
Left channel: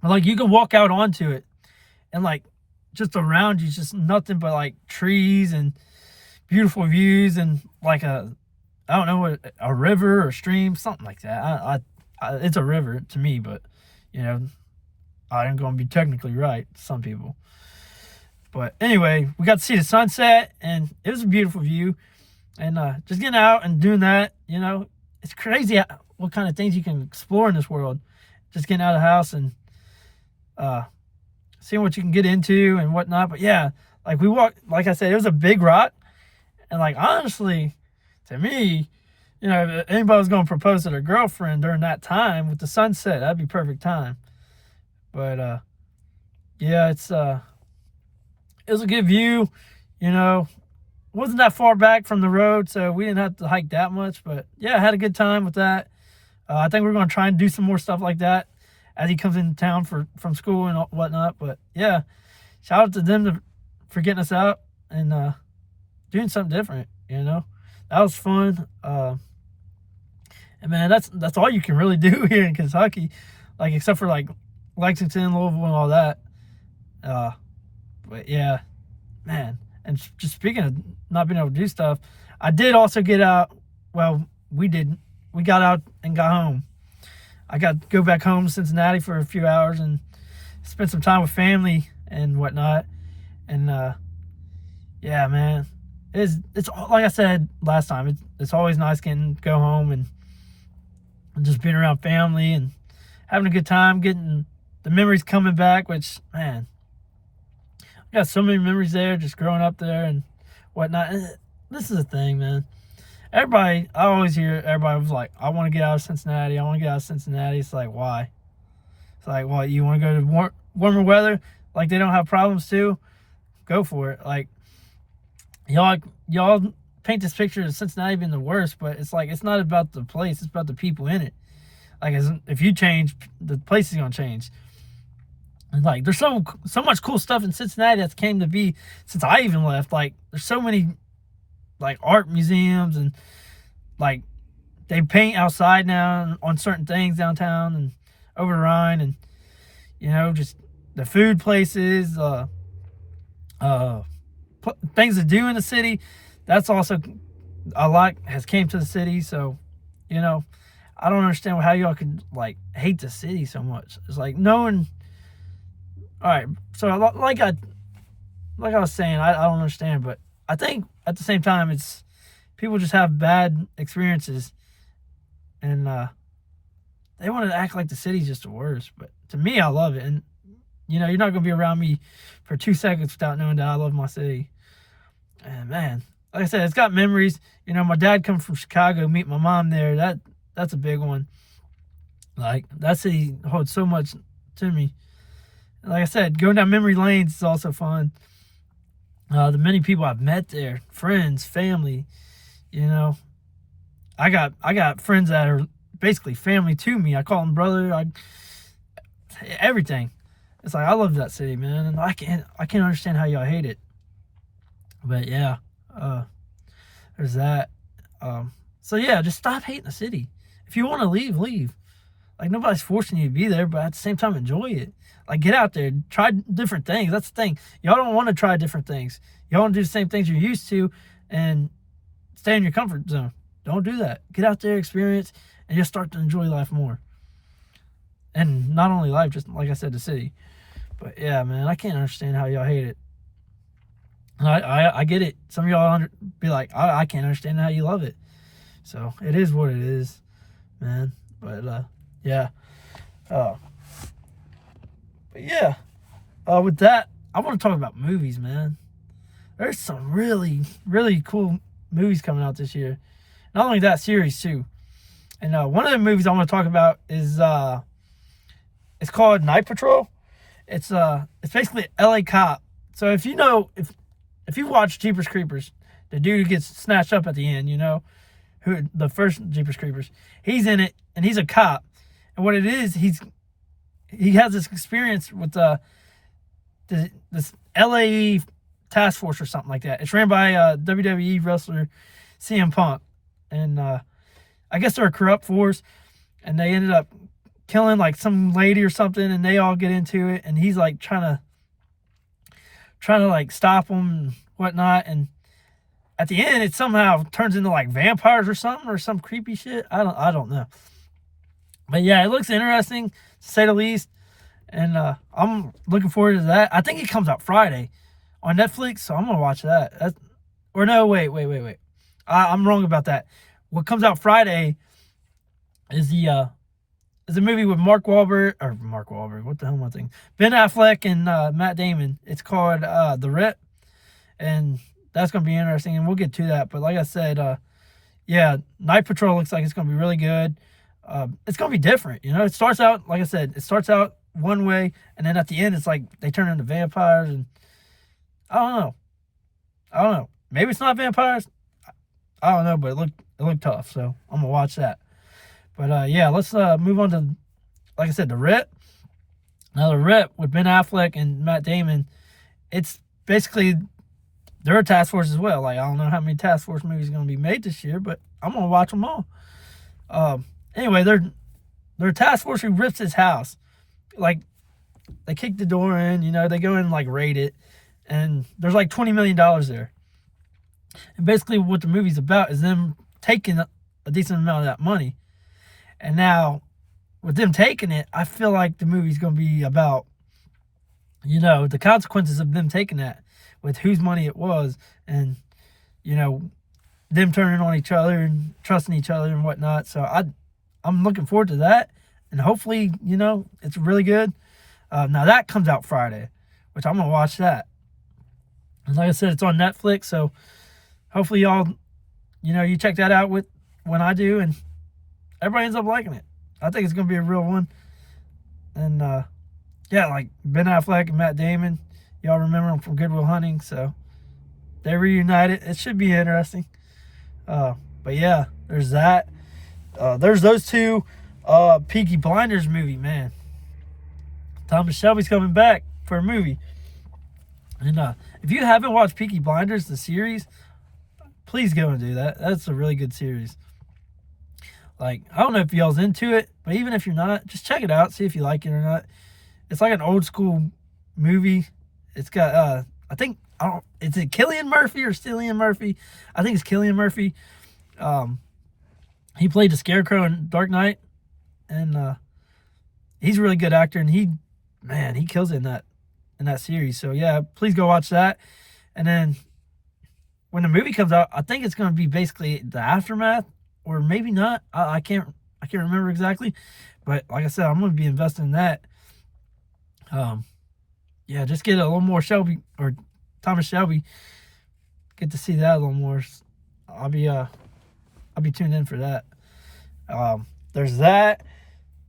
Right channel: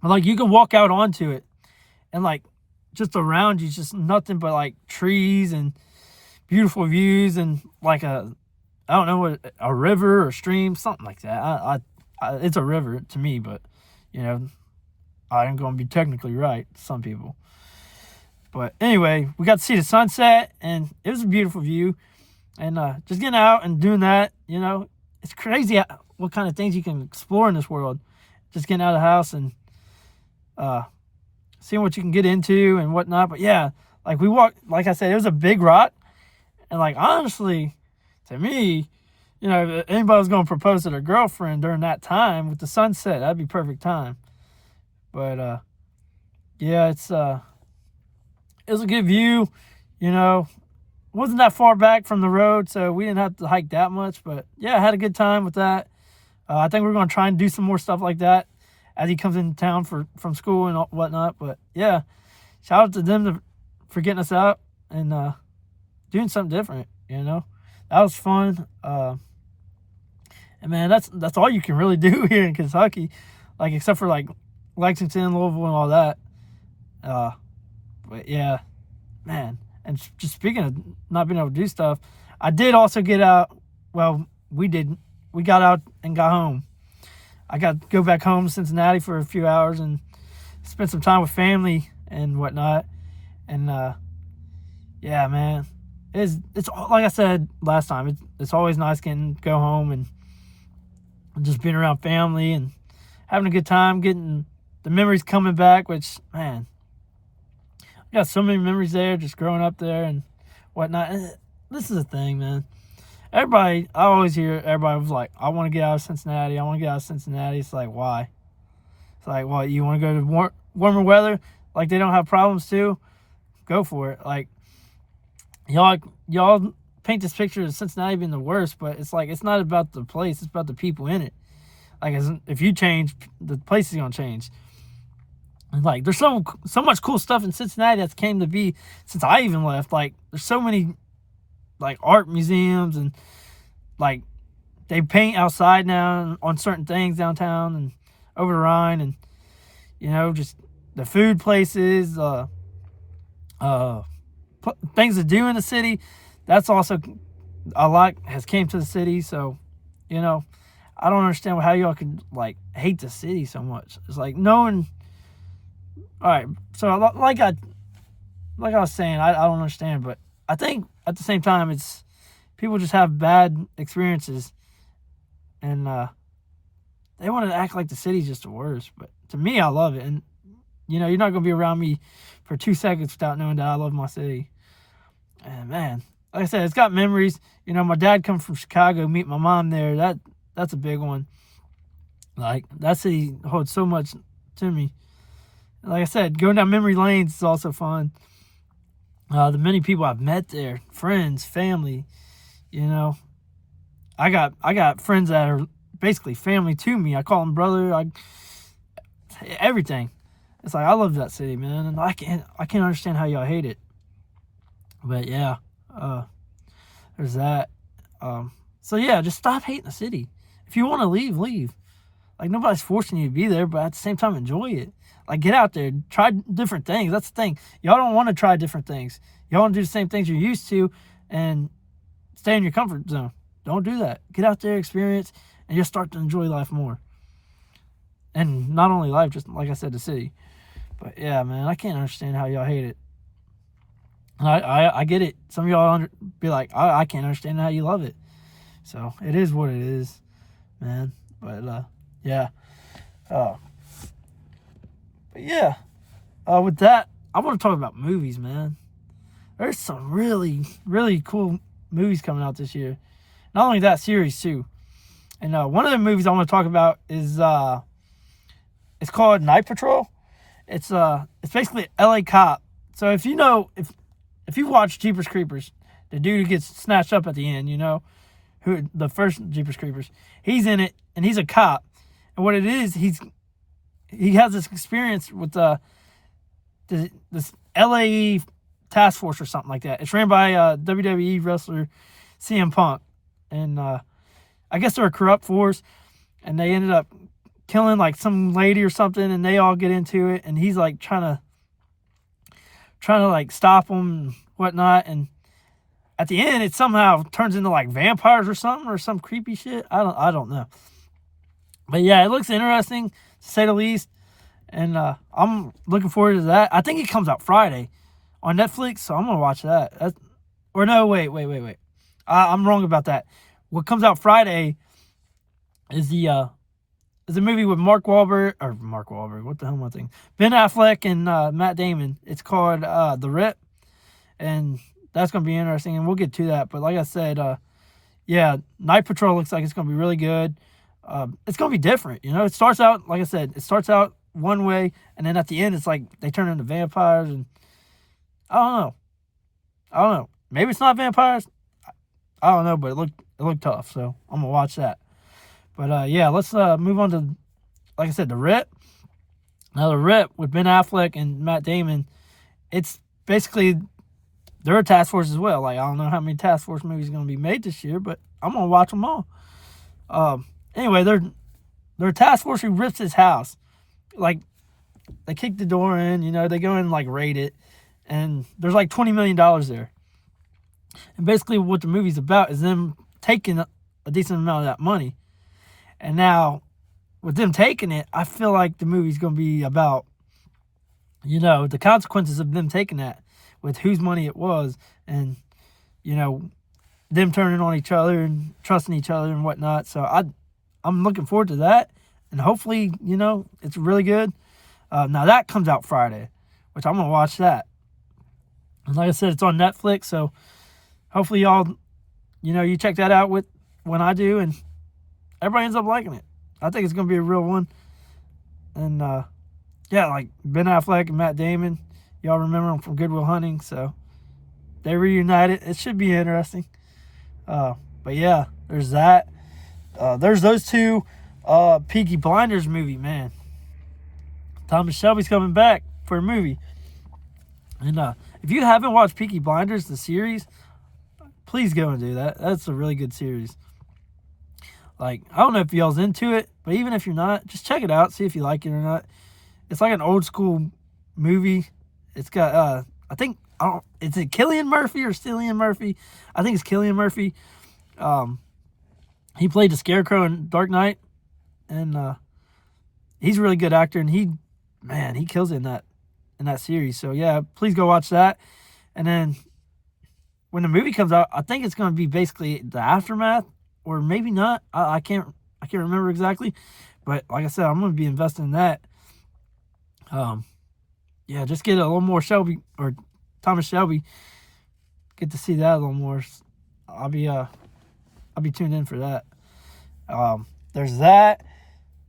But like you can walk out onto it and like just around you, just nothing but like trees and beautiful views and like I don't know, a river or stream, something like that. I it's a river to me, but you know, I ain't gonna be technically right to some people. But anyway, we got to see the sunset, and it was a beautiful view. And just getting out and doing that, you know, it's crazy what kind of things you can explore in this world. Just getting out of the house and seeing what you can get into and whatnot. But yeah, like we walked, like I said, it was a big rock. And like, honestly, to me, you know, if anybody was going to propose to their girlfriend during that time with the sunset, that'd be perfect time. But yeah, it was a good view, you know. Wasn't that far back from the road, so we didn't have to hike that much. But yeah, I had a good time with that. I think we're going to try and do some more stuff like that as he comes into town from school and whatnot. But yeah, shout out to them for getting us out and doing something different, you know. That was fun. And man, that's all you can really do here in Kentucky, like except for like Lexington, Louisville, and all that. But yeah, man. And just speaking of not being able to do stuff, I did also get out. Well, we did. We got out and got home. I got to go back home to Cincinnati for a few hours and spend some time with family and whatnot. And yeah, man, it's like I said last time. It's always nice getting to go home and just being around family and having a good time, getting the memories coming back. Which, man, I got so many memories there, just growing up there and whatnot. And this is the thing, man. I always hear everybody was like, I want to get out of Cincinnati. It's like, why? It's like, what, you want to go to warmer weather? Like they don't have problems too? Go for it. Like, y'all paint this picture of Cincinnati being the worst, but it's like, it's not about the place. It's about the people in it. Like, if you change, the place is going to change. Like, there's so much cool stuff in Cincinnati that's came to be since I even left. Like, there's so many, like, art museums and, like, they paint outside now on certain things downtown and over the Rhine and, you know, just the food places, things to do in the city. That's also a lot has came to the city. So, you know, I don't understand how y'all can, like, hate the city so much. It's like knowing... All right, so like I was saying, I don't understand, but I think at the same time, it's people just have bad experiences, and they want to act like the city's just the worst. But to me, I love it, and you know, you're not gonna be around me for 2 seconds without knowing that I love my city. And man, like I said, it's got memories. You know, my dad come from Chicago, meet my mom there. That's a big one. Like, that city holds so much to me. Like I said, going down memory lanes is also fun. The many people I've met there, friends, family, you know. I got friends that are basically family to me. I call them brother. Everything. It's like, I love that city, man, and I can't understand how y'all hate it. But yeah, there's that. So yeah, just stop hating the city. If you want to leave, leave. Like, nobody's forcing you to be there, but at the same time, enjoy it. Like, get out there, try different things. That's the thing. Y'all don't want to try different things. Y'all want to do the same things you're used to and stay in your comfort zone. Don't do that. Get out there, experience, and you'll start to enjoy life more. And not only life, just like I said, the city. But yeah, man, I can't understand how y'all hate it. And I get it. Some of y'all be like, I can't understand how you love it. So it is what it is, man. But yeah. But yeah, with that, I want to talk about movies, man. There's some really, really cool movies coming out this year. Not only that, series too. And one of the movies I want to talk about is it's called Night Patrol. It's basically an LA cop. So if you know, if you watch Jeepers Creepers, the dude who gets snatched up at the end, who the first Jeepers Creepers, he's in it and he's a cop. And what it is, he has this experience with this LA task force or something like that. It's ran by WWE wrestler CM Punk, and I guess they're a corrupt force, and they ended up killing like some lady or something, and they all get into it, and he's like trying to like stop them and whatnot, and at the end it somehow turns into like vampires or something, or some creepy shit. I don't know, but yeah, it looks interesting to say the least, and I'm looking forward to that. I think it comes out Friday on Netflix, so I'm gonna watch that. Or no, wait. I'm wrong about that. What comes out Friday is a movie with Mark Wahlberg. What the hell am I thinking? Ben Affleck and Matt Damon. It's called The Rip, and that's gonna be interesting, and we'll get to that. But like I said, yeah, Night Patrol looks like it's gonna be really good. It's gonna be different, It starts out, like I said, one way, and then at the end, it's like they turn into vampires, and I don't know. Maybe it's not vampires. I don't know, but it looked tough, so I'm gonna watch that. But yeah, let's move on to, like I said, The Rip. Now, The Rip with Ben Affleck and Matt Damon, it's basically, they're a task force as well. Like, I don't know how many task force movies are gonna be made this year, but I'm gonna watch them all. Anyway, they're a task force who rips his house. Like, they kick the door in, they go in and like raid it, and there's like $20 million there. And basically what the movie's about is them taking a decent amount of that money. And now, with them taking it, I feel like the movie's going to be about, the consequences of them taking that, with whose money it was, and, them turning on each other and trusting each other and whatnot. So I'm looking forward to that. And hopefully, it's really good. Now, that comes out Friday, which I'm going to watch that. And like I said, it's on Netflix, so hopefully y'all, you check that out when I do, and everybody ends up liking it. I think it's going to be a real one. And, yeah, like Ben Affleck and Matt Damon, y'all remember them from Good Will Hunting, so they reunited. It should be interesting. But, yeah, there's that. There's those two. Peaky Blinders movie, man. Thomas Shelby's coming back for a movie. And if you haven't watched Peaky Blinders, the series, please go and do that. That's a really good series. Like, I don't know if y'all's into it, but even if you're not, just check it out, see if you like it or not. It's like an old school movie. It's got, is it Cillian Murphy or Cillian Murphy? I think it's Cillian Murphy. He played the Scarecrow in Dark Knight, and he's a really good actor, and he kills it in that series. So yeah, please go watch that. And then when the movie comes out, I think it's going to be basically the aftermath, or maybe not. I can't remember exactly, but like I said, I'm going to be investing in that. Yeah, just get a little more Shelby, or Thomas Shelby. Get to see that a little more. I'll be tuned in for that. There's that.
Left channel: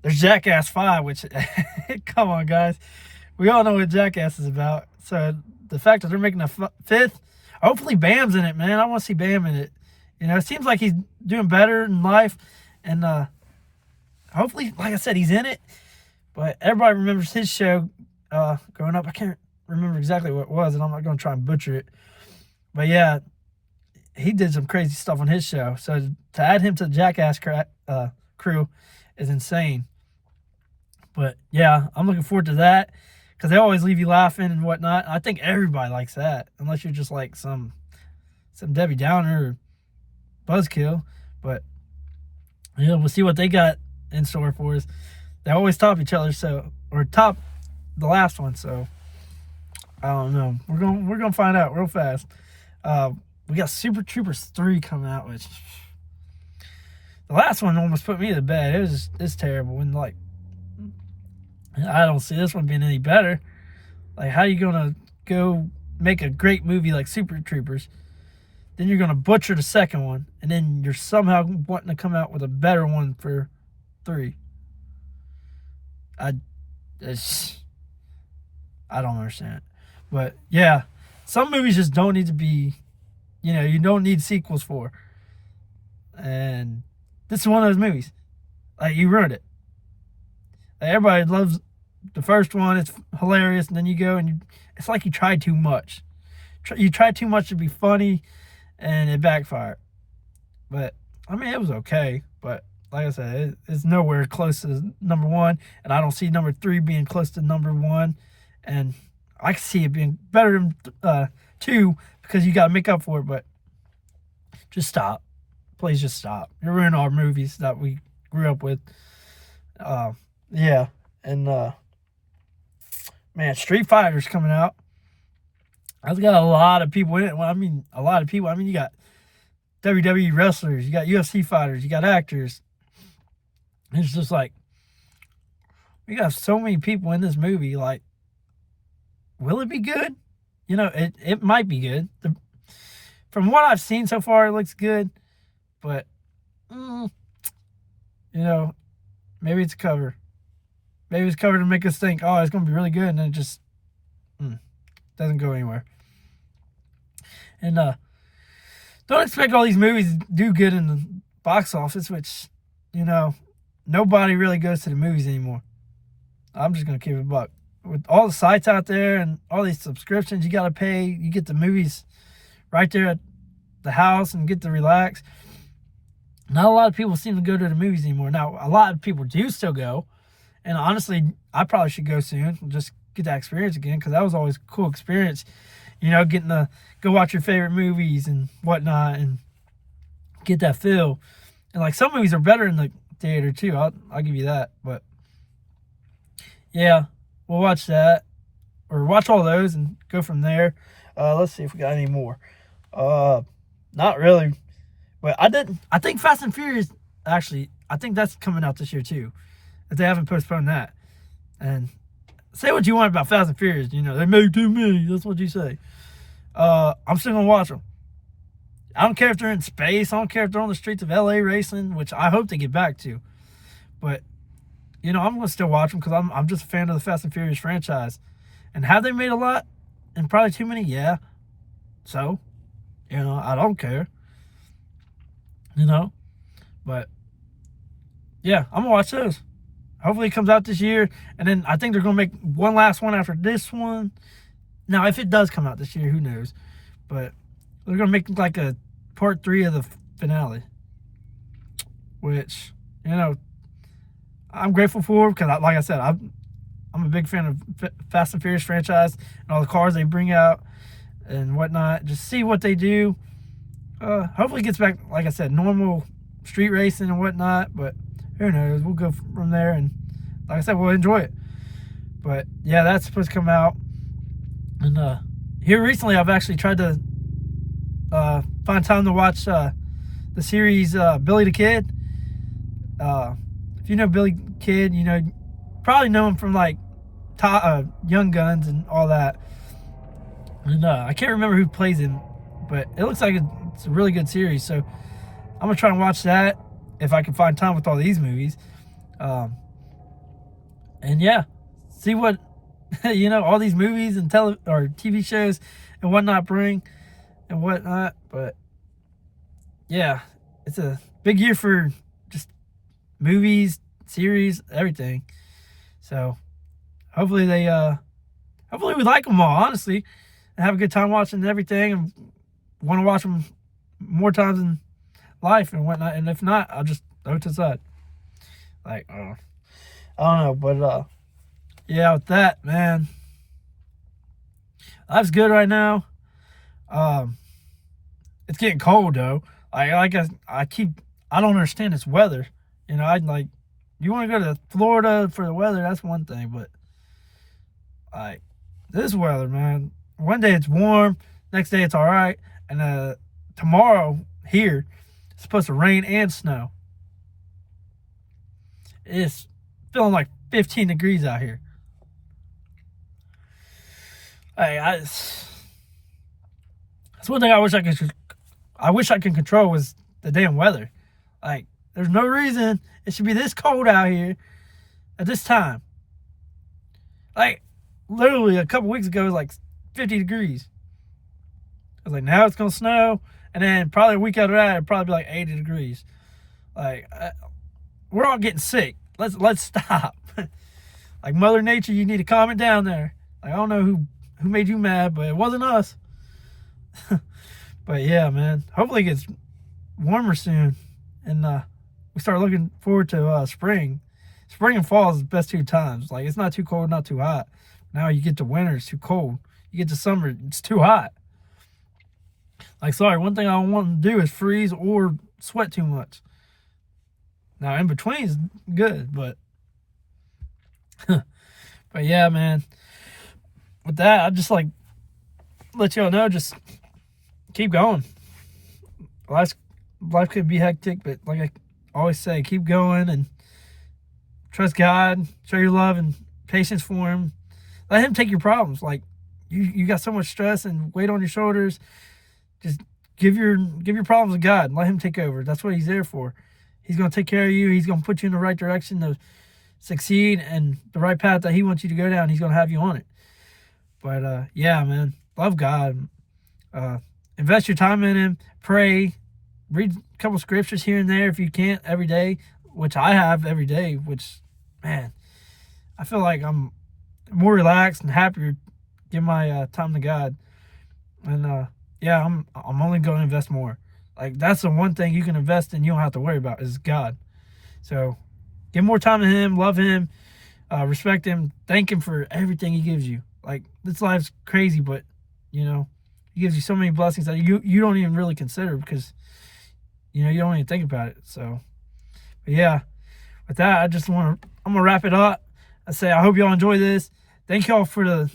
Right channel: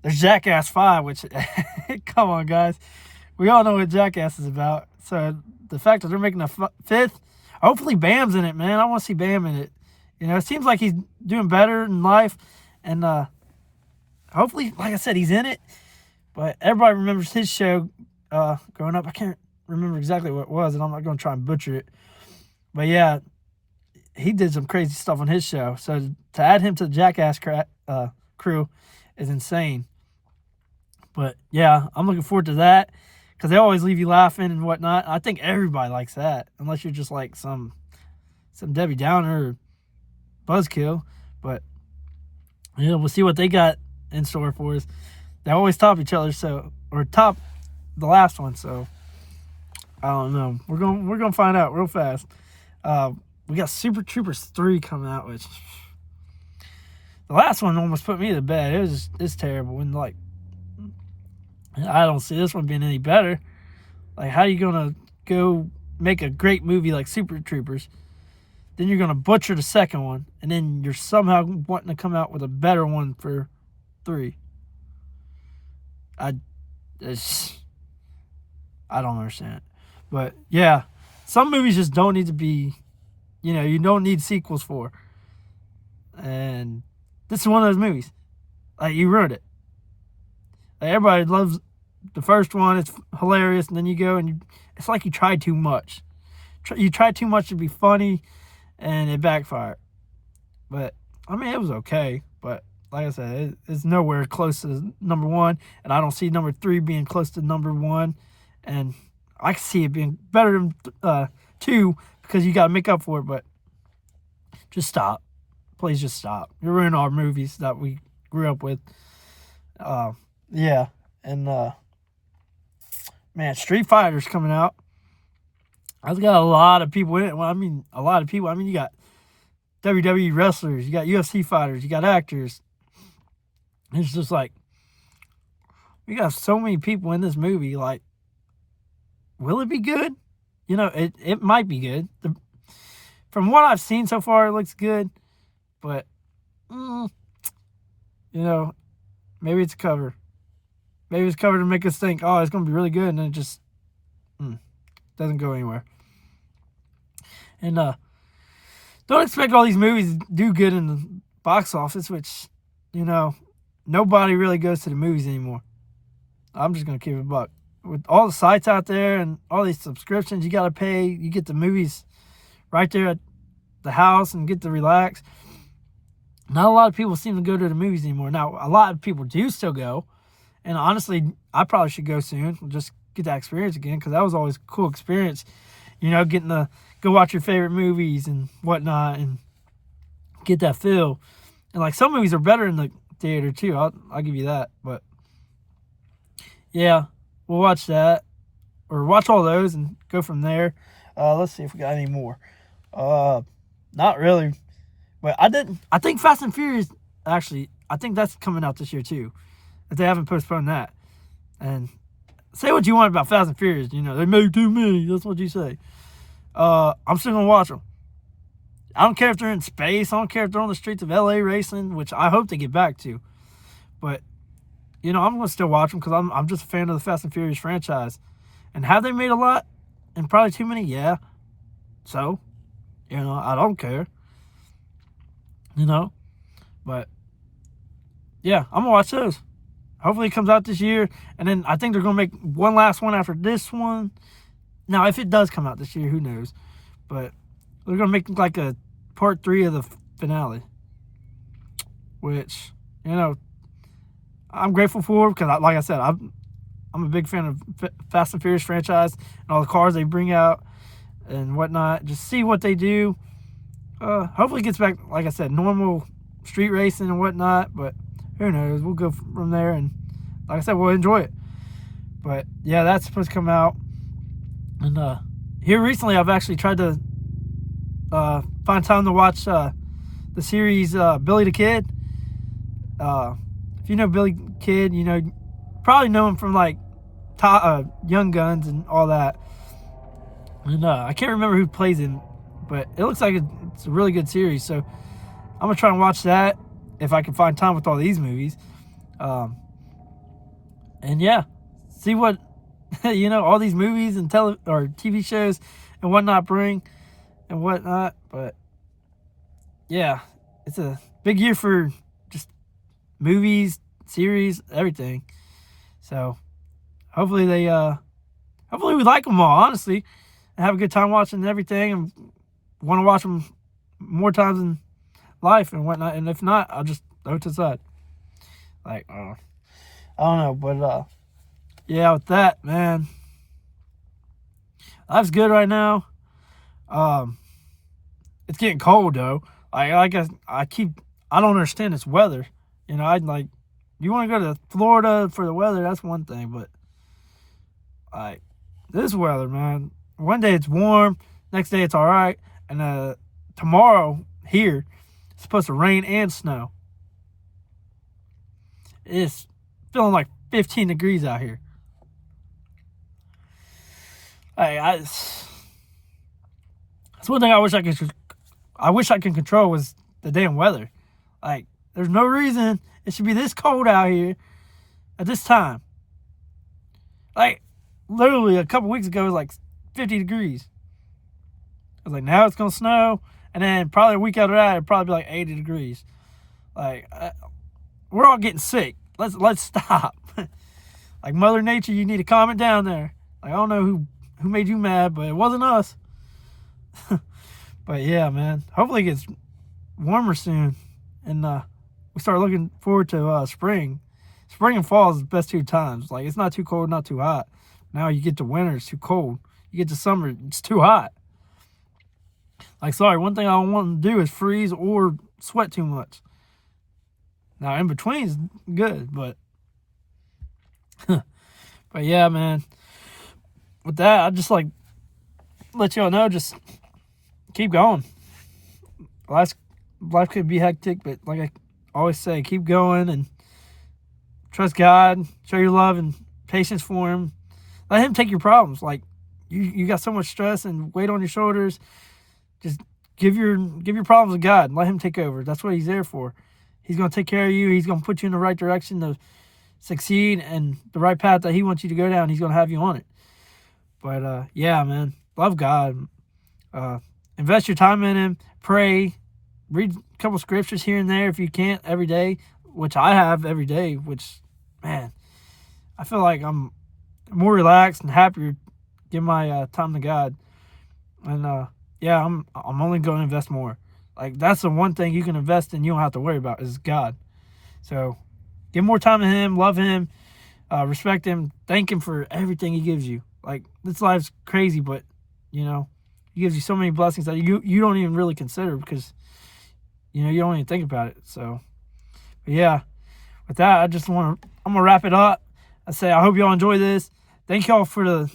There's Jackass 5, which, come on, guys. We all know what Jackass is about. So the fact that they're making a fifth, hopefully Bam's in it, man. I want to see Bam in it. It seems like he's doing better in life. And hopefully, like I said, he's in it. But everybody remembers his show growing up. I can't remember exactly what it was, and I'm not going to try and butcher it. But yeah, he did some crazy stuff on his show. So to add him to the Jackass crew is insane. But yeah, I'm looking forward to that, because they always leave you laughing and whatnot. I think everybody likes that, unless you're just like some Debbie Downer or buzzkill. But we'll see what they got in store for us. They always top each other, or top the last one. So I don't know. We're gonna find out real fast. We got Super Troopers 3 coming out, which the last one almost put me to bed. It's terrible, and like, I don't see this one being any better. Like, how are you gonna go make a great movie like Super Troopers, then you're gonna butcher the second one, and then you're somehow wanting to come out with a better one for 3? I don't understand it. But yeah, some movies just don't need to be, you don't need sequels for. And this is one of those movies. Like, you ruined it. Like, everybody loves the first one. It's hilarious. And then you go and it's like you tried too much. You tried too much to be funny, and it backfired. But, I mean, it was okay. But, like I said, it's nowhere close to number one. And I don't see number 3 being close to number 1. And I can see it being better than 2 because you got to make up for it. But just stop. Please just stop. You're ruining our movies that we grew up with. Yeah. And, man, Street Fighter's coming out. I've got a lot of people in it. Well, I mean, a lot of people. I mean, you got WWE wrestlers. You got UFC fighters. You got actors. It's just like, we got so many people in this movie. Like, will it be good? It might be good. From what I've seen so far, it looks good. But, maybe it's a cover. Maybe it's cover to make us think, oh, it's going to be really good. And then it just doesn't go anywhere. And don't expect all these movies to do good in the box office, which, nobody really goes to the movies anymore. I'm just going to keep it a buck. With all the sites out there and all these subscriptions you got to pay, you get the movies right there at the house and get to relax. Not a lot of people seem to go to the movies anymore. Now, a lot of people do still go. And honestly, I probably should go soon. Just get that experience again, because that was always a cool experience. Getting to go watch your favorite movies and whatnot and get that feel. And, like, some movies are better in the theater, too. I'll give you that. But, yeah, we'll watch that. Or watch all those and go from there. Let's see if we got any more. Not really. But I think Fast and Furious, actually, I think that's coming out this year, too. If they haven't postponed that. And say what you want about Fast and Furious. They make too many. That's what you say. I'm still going to watch them. I don't care if they're in space. I don't care if they're on the streets of LA racing, which I hope they get back to. But, I'm going to still watch them because I'm just a fan of the Fast and Furious franchise. And have they made a lot? And probably too many? Yeah. So, I don't care. But, yeah, I'm going to watch those. Hopefully it comes out this year. And then I think they're going to make one last one after this one. Now, if it does come out this year, who knows? But they're going to make like a part 3 of the finale. Which, I'm grateful for. Because, like I said, I'm a big fan of Fast and Furious franchise. And all the cars they bring out and whatnot. Just see what they do. Hopefully it gets back, like I said, normal street racing and whatnot. But who knows? We'll go from there. And like I said, we'll enjoy it. But, yeah, that's supposed to come out. And here recently, I've actually tried to find time to watch the series Billy the Kid. If you know Billy the Kid, probably know him from like Young Guns and all that. And I can't remember who plays him, but it looks like it's a really good series. So I'm gonna try and watch that if I can find time with all these movies. And yeah, see what all these movies and TV shows and whatnot bring and whatnot. But yeah, it's a big year for just movies, series, everything. So hopefully hopefully we like them all, honestly, and have a good time watching everything, and want to watch them more times in life and whatnot. And if not, I'll just throw it to the side. Like, I don't know, but yeah, with that, man, life's good right now. It's getting cold though. I don't understand this weather. I'd like, you want to go to Florida for the weather, that's one thing, but like this weather, man. One day it's warm, next day it's all right, and tomorrow here it's supposed to rain and snow. It's feeling like 15 degrees out here. That's one thing I wish I could control was the damn weather. Like, there's no reason it should be this cold out here at this time. Like, literally a couple weeks ago, it was like 50 degrees. I was like, now it's going to snow. And then probably a week after that, it'd probably be like 80 degrees. Like, we're all getting sick. Let's stop. Like, Mother Nature, you need to calm it down there. Like, I don't know who made you mad, but it wasn't us. But yeah, man, hopefully it gets warmer soon, and we start looking forward to spring. Spring and fall is the best 2 times. Like, it's not too cold, not too hot. Now you get to winter, it's too cold. You get to summer, it's too hot. Like, sorry, one thing I don't want to do is freeze or sweat too much. Now, in between is good, but but yeah, man. With that, I just like let y'all know, just keep going. Life could be hectic, but like I always say, keep going and trust God. Show your love and patience for Him. Let Him take your problems. Like, you got so much stress and weight on your shoulders. Just give your problems to God and let Him take over. That's what He's there for. He's going to take care of you. He's going to put you in the right direction to succeed and the right path that He wants you to go down. He's going to have you on it. But yeah, man, love God. Invest your time in Him. Pray. Read a couple scriptures here and there if you can't every day, which I have every day. Which, man, I feel like I'm more relaxed and happier. Give my time to God, and yeah, I'm only going to invest more. Like, that's the one thing you can invest in, you don't have to worry about, is God. So give more time to Him, love Him, respect Him, thank Him for everything He gives you. Like, this life's crazy, but you know, He gives you so many blessings that you don't even really consider, because you know, you don't even think about it. So, but yeah, with that, I'm gonna wrap it up. I say I hope y'all enjoy this. Thank y'all for the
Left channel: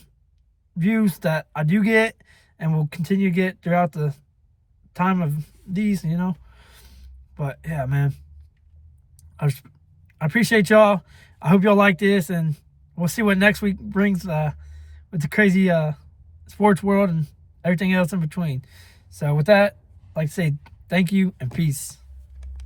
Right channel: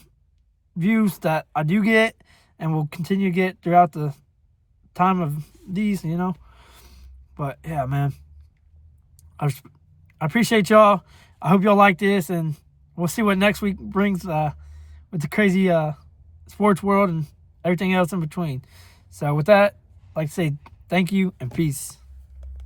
views that I do get and will continue to get throughout the time of these, you know. But yeah, man, I appreciate y'all. I hope y'all like this, and we'll see what next week brings with the crazy sports world and everything else in between. So with that, I'd like to say thank you and peace.